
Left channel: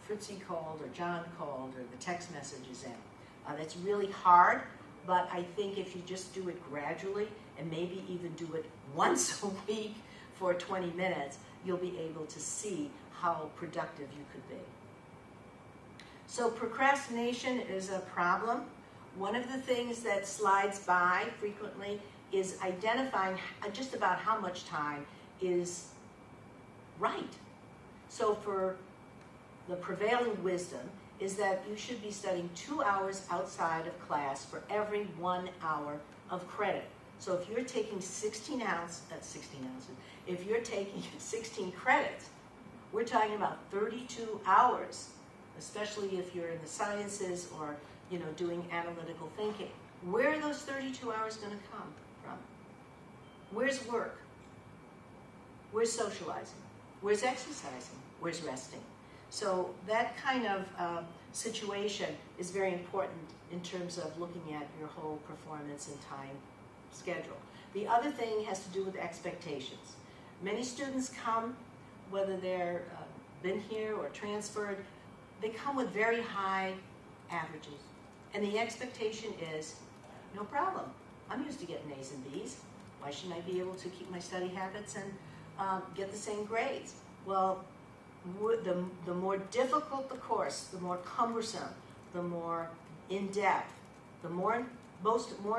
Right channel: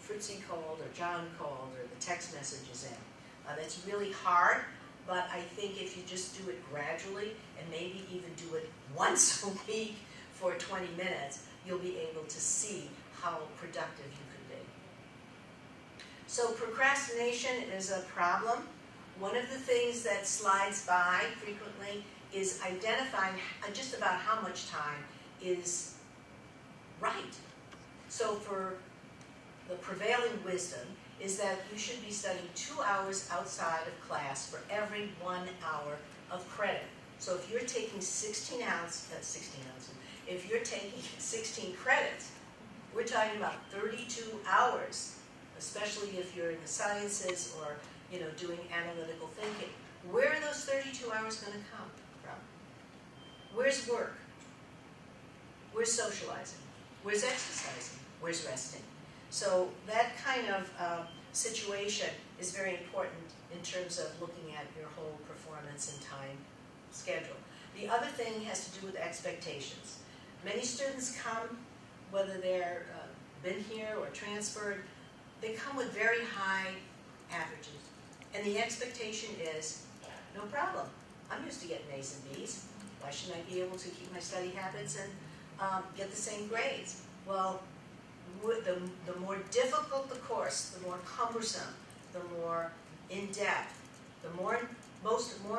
Fritzy called or John called or the text messages in. That's really hard, but I think if you just do it gradually and maybe even do it once a week for 20 minutes, you'll be able to see how productive you could be. So procrastination is a problem. One of the things that slides by frequently is identifying just about how much time is right. So for the prevailing wisdom is that you should be studying 2 hours outside of class for every 1 hour of credit. So if you're taking 16 ounces, if you're taking 16 credits, we're talking about 32 hours, especially if you're in the sciences or doing analytical thinking. Where are those 32 hours going to come from? Where's work? Where's socializing? Where's exercising? Where's resting? So that kind of situation is very important in terms of looking at your whole performance and time schedule. The other thing has to do with expectations. Many students come, whether they're been here or transferred, they come with very high averages. And the expectation is, no problem. I'm used to getting A's and B's. Why shouldn't I be able to keep my study habits and get the same grades? Well, the more difficult the course, the more cumbersome, the more in-depth, the more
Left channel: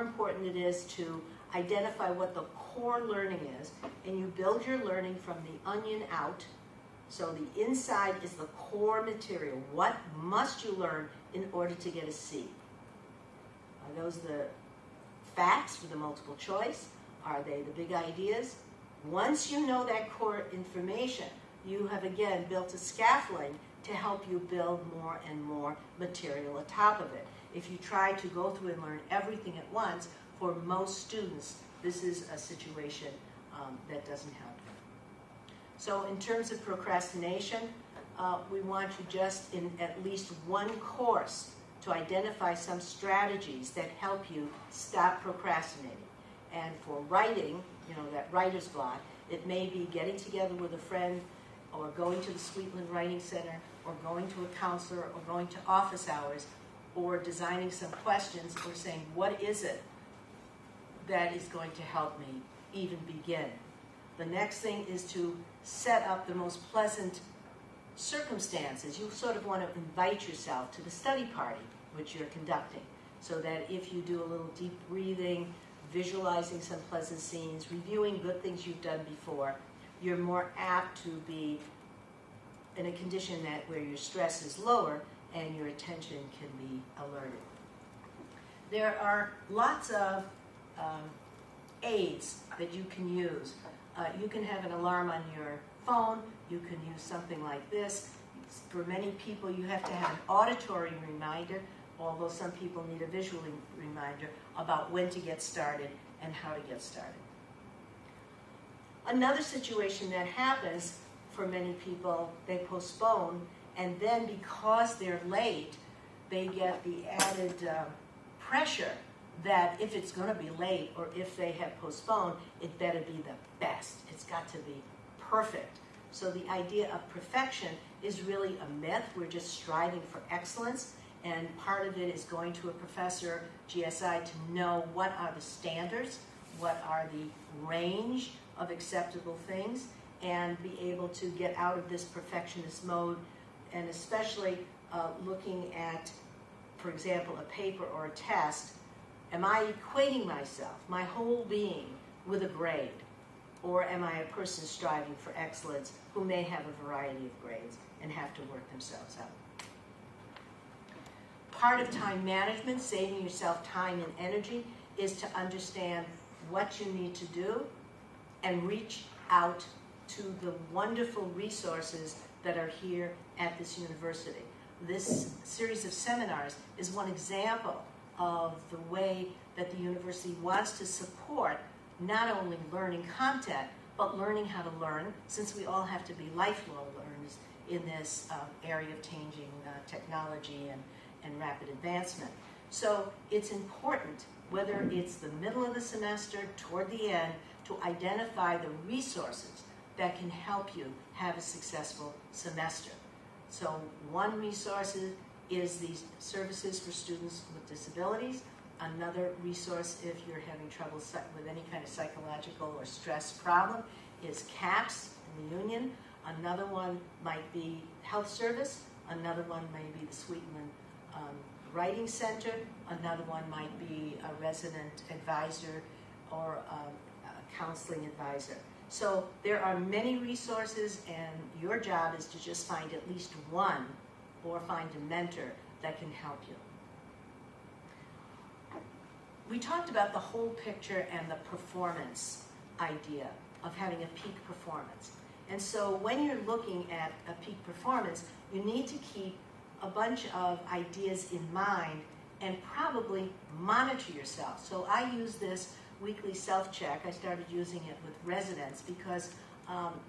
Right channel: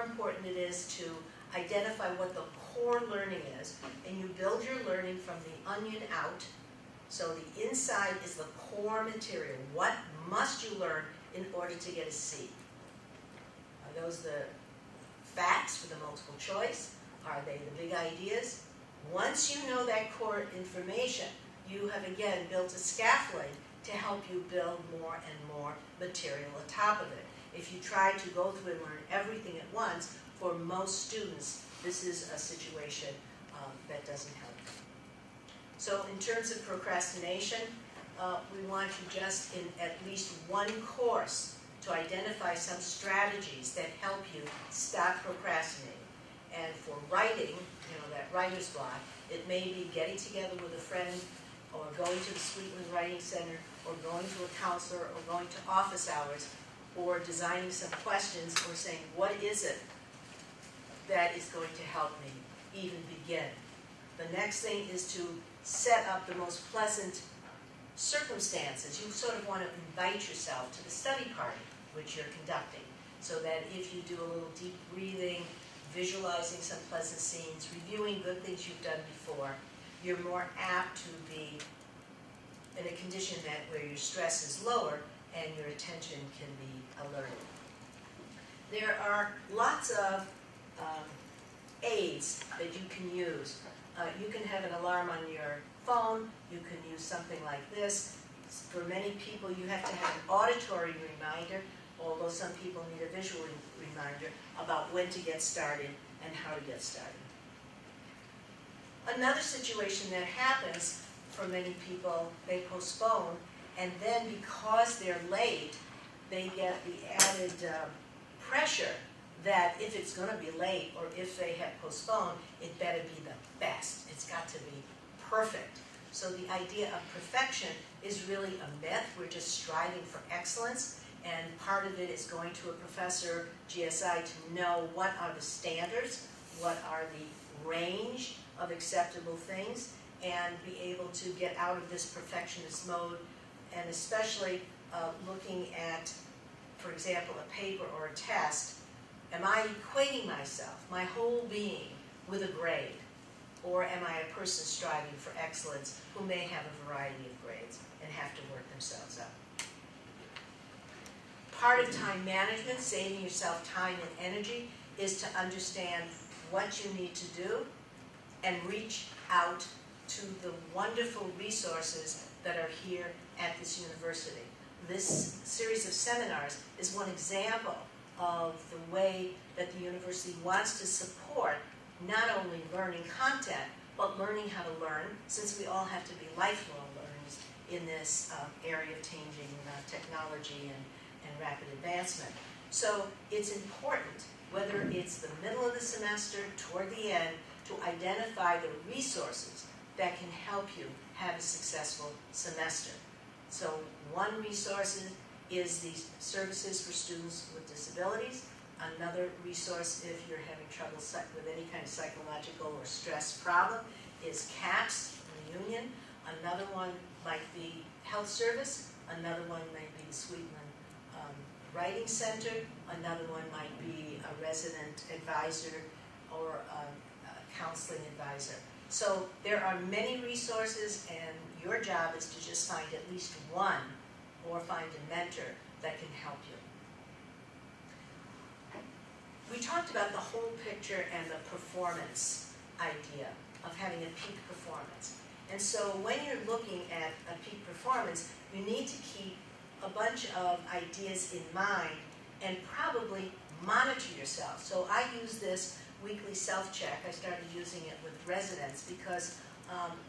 important it is to identify what the core learning is, and you build your learning from the onion out. So the inside is the core material. What must you learn in order to get a C? Are those the facts for the multiple choice? Are they the big ideas? Once you know that core information, you have again built a scaffolding to help you build more and more material on top of it. If you try to go through and learn everything at once, for most students, this is a situation that doesn't help them. So in terms of procrastination, we want you just in at least one course to identify some strategies that help you stop procrastinating. And for writing, that writer's block, it may be getting together with a friend or going to the Sweetland Writing Center or going to a counselor or going to office hours or designing some questions or saying, what is it that is going to help me even begin? The next thing is to set up the most pleasant circumstances. You sort of want to invite yourself to the study party which you're conducting, so that if you do a little deep breathing, visualizing some pleasant scenes, reviewing good things you've done before, you're more apt to be in a condition where your stress is lower and your attention can be alerted. There are lots of aids that you can use. You can have an alarm on your phone. You can use something like this. For many people, you have to have an auditory reminder, although some people need a visual reminder about when to get started and how to get started. Another situation that happens for many people, they postpone, and then because they're late, they get the added pressure that if it's going to be late or if they have postponed, it better be the best. It's got to be perfect. So the idea of perfection is really a myth. We're just striving for excellence, and part of it is going to a professor, GSI, to know what are the standards, what are the range of acceptable things, and be able to get out of this perfectionist mode, and especially looking at, for example, a paper or a test. Am I equating myself, my whole being, with a grade? Or am I a person striving for excellence who may have a variety of grades and have to work themselves up? Part of time management, saving yourself time and energy, is to understand what you need to do and reach out to the wonderful resources that are here at this university. This series of seminars is one example of the way that the university wants to support not only learning content, but learning how to learn, since we all have to be lifelong learners in this area of changing technology and rapid advancement. So it's important, whether it's the middle of the semester, toward the end, to identify the resources that can help you have a successful semester. So one resource is the services for students with disabilities. Another resource, if you're having trouble with any kind of psychological or stress problem, is CAPS, Reunion. Another one might be Health Service. Another one may be the Sweetman Writing Center. Another one might be a resident advisor or a counseling advisor. So there are many resources, and your job is to just find at least one or find a mentor that can help you. We talked about the whole picture and the performance idea of having a peak performance. And so when you're looking at a peak performance, you need to keep a bunch of ideas in mind and probably monitor yourself. So I use this weekly self-check. I started using it with residents because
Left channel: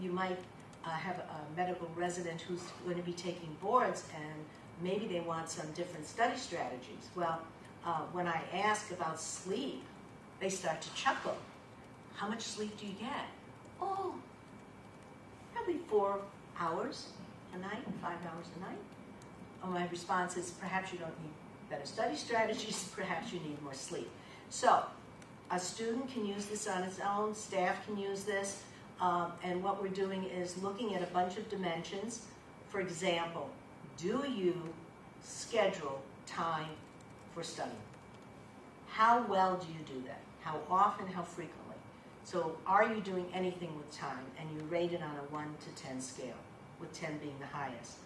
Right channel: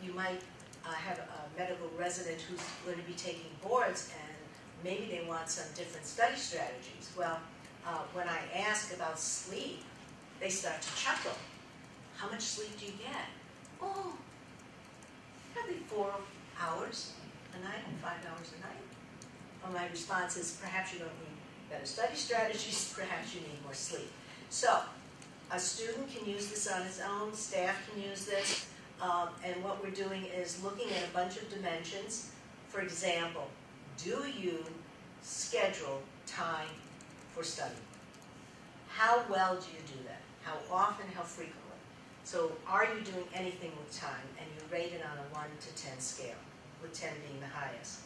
you might have a medical resident who's going to be taking boards, and maybe they want some different study strategies. Well, when I ask about sleep, they start to chuckle. How much sleep do you get? Oh, probably 4 hours a night, 5 hours a night. And my response is, perhaps you don't need better study strategies, perhaps you need more sleep. So a student can use this on its own, staff can use this, and what we're doing is looking at a bunch of dimensions. For example, do you schedule time for study? How well do you do that? How often, how frequently? So are you doing anything with time? And you rate it on a 1 to 10 scale, with 10 being the highest.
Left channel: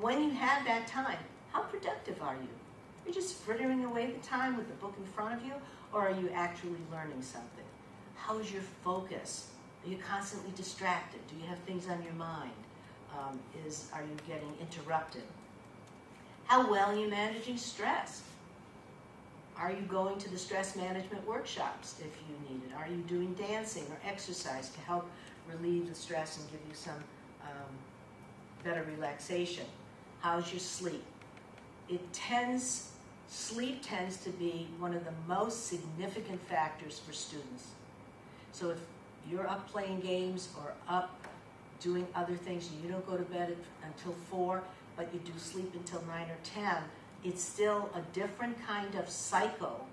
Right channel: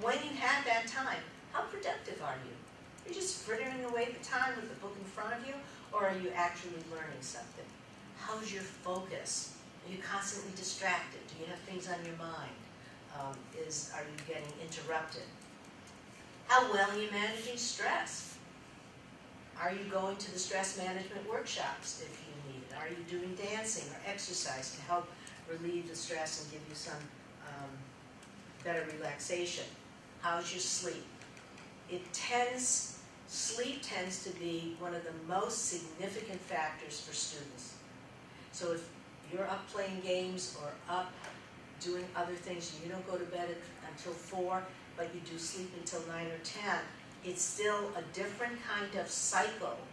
When you have that time, how productive are you? You're just frittering away the time with the book in front of you, or are you actually learning something? How's your focus? Are you constantly distracted? Do you have things on your mind? Are you getting interrupted? How well are you managing stress? Are you going to the stress management workshops if you need it? Are you doing dancing or exercise to help relieve the stress and give you some better relaxation? How's your sleep? Sleep tends to be one of the most significant factors for students. So if you're up playing games or up doing other things, and you don't go to bed until 4, but you do sleep until 9 or 10, it's still a different kind of cycle,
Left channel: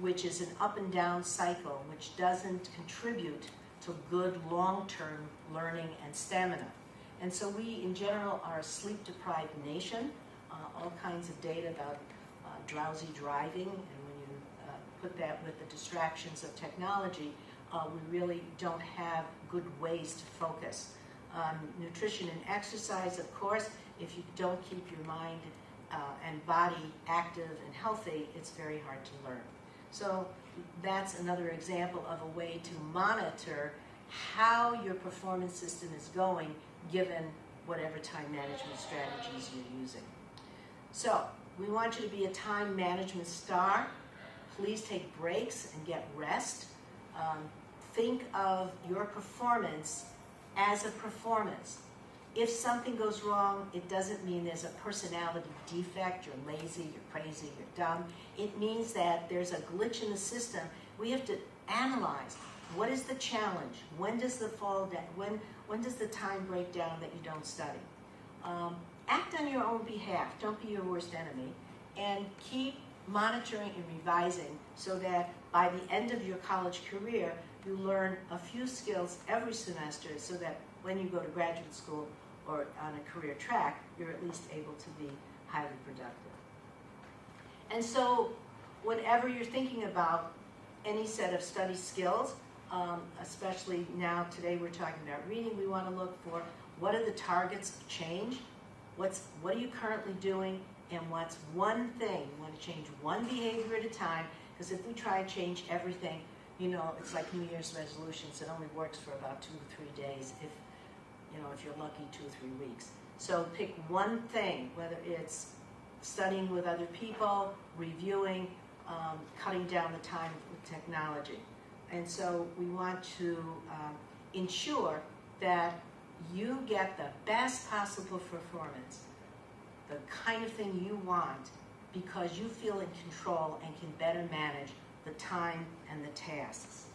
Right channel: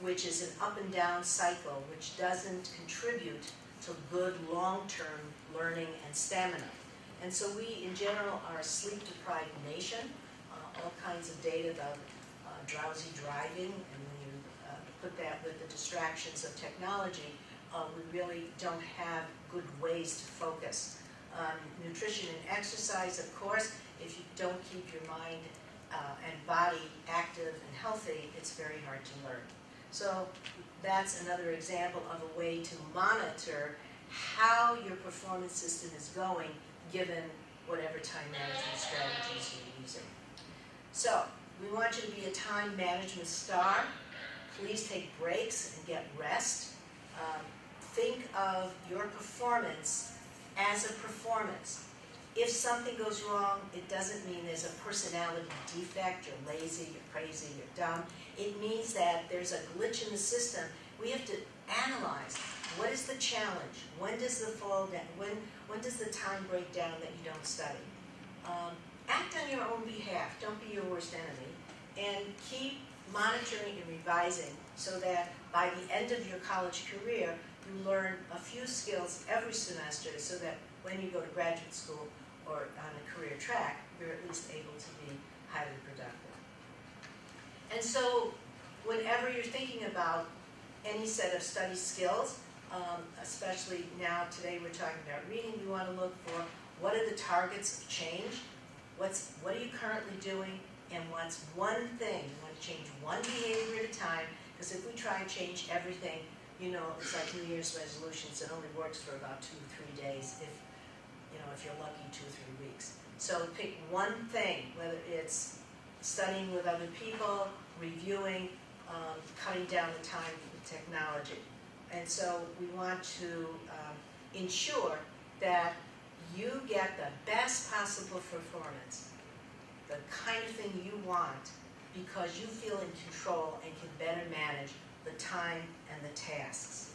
which is an up and down cycle, which doesn't contribute to good long-term learning and stamina. And so we, in general, are a sleep-deprived nation. All kinds of data about drowsy driving, and when you put that with the distractions of technology, we really don't have good ways to focus. Nutrition and exercise, of course, if you don't keep your mind and body active and healthy, it's very hard to learn. So that's another example of a way to monitor how your performance system is going given whatever time management strategies you're using. So, we want you to be a time management star. Please take breaks and get rest. Think of your performance as a performance. If something goes wrong, it doesn't mean there's a personality defect, you're lazy, you're crazy, you're dumb. It means that there's a glitch in the system. We have to analyze, what is the challenge? When does the fall down? When does the time break down that you don't study? Act on your own behalf. Don't be your worst enemy. And keep monitoring and revising so that by the end of your college career, you learn a few skills every semester so that when you go to graduate school or on a career track, you're at least able to be highly productive. And so whenever you're thinking about any set of study skills, especially now today we're talking about reading, we want to look for what are the targets of change, what are you currently doing, and what's one thing. You want to change one behavior at a time, because if we try and change everything, you know, it's like New Year's resolutions. It only works for about 2 or 3 days, if you're lucky, 2 or 3 weeks. So pick one thing, whether it's studying with other people, reviewing, cutting down the time with technology. And so we want to ensure that you get the best possible performance, the kind of thing you want, because you feel in control and can better manage the time and the tasks.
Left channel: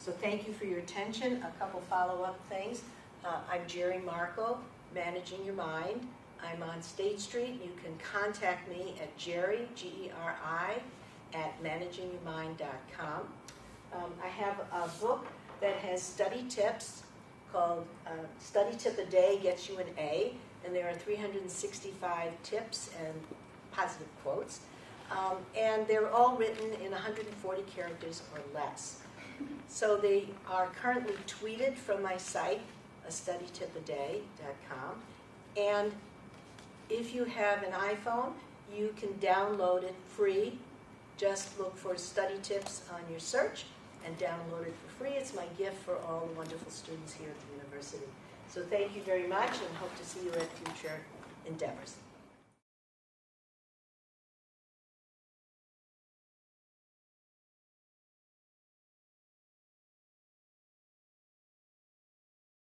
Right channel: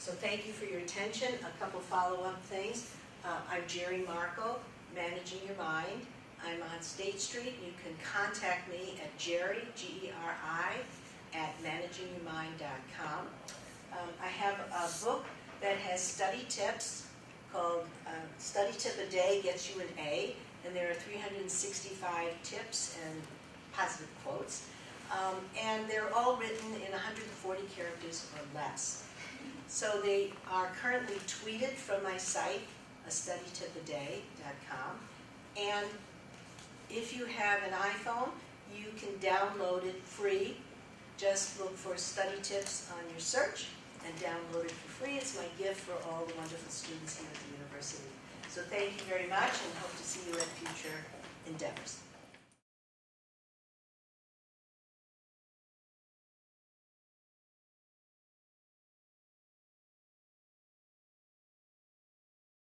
So thank you for your attention. A couple follow-up things. I'm Jerry Marco, Managing Your Mind. I'm on State Street. You can contact me at Jerry, G-E-R-I, at managingyourmind.com. I have a book that has study tips called Study Tip a Day Gets You an A, and there are 365 tips and positive quotes. And they're all written in 140 characters or less. So they are currently tweeted from my site, studytipaday.com. And if you have an iPhone, you can download it free. Just look for study tips on your search and download it for free. It's my gift for all the wonderful students here at the university. So thank you very much, and hope to see you at future endeavors.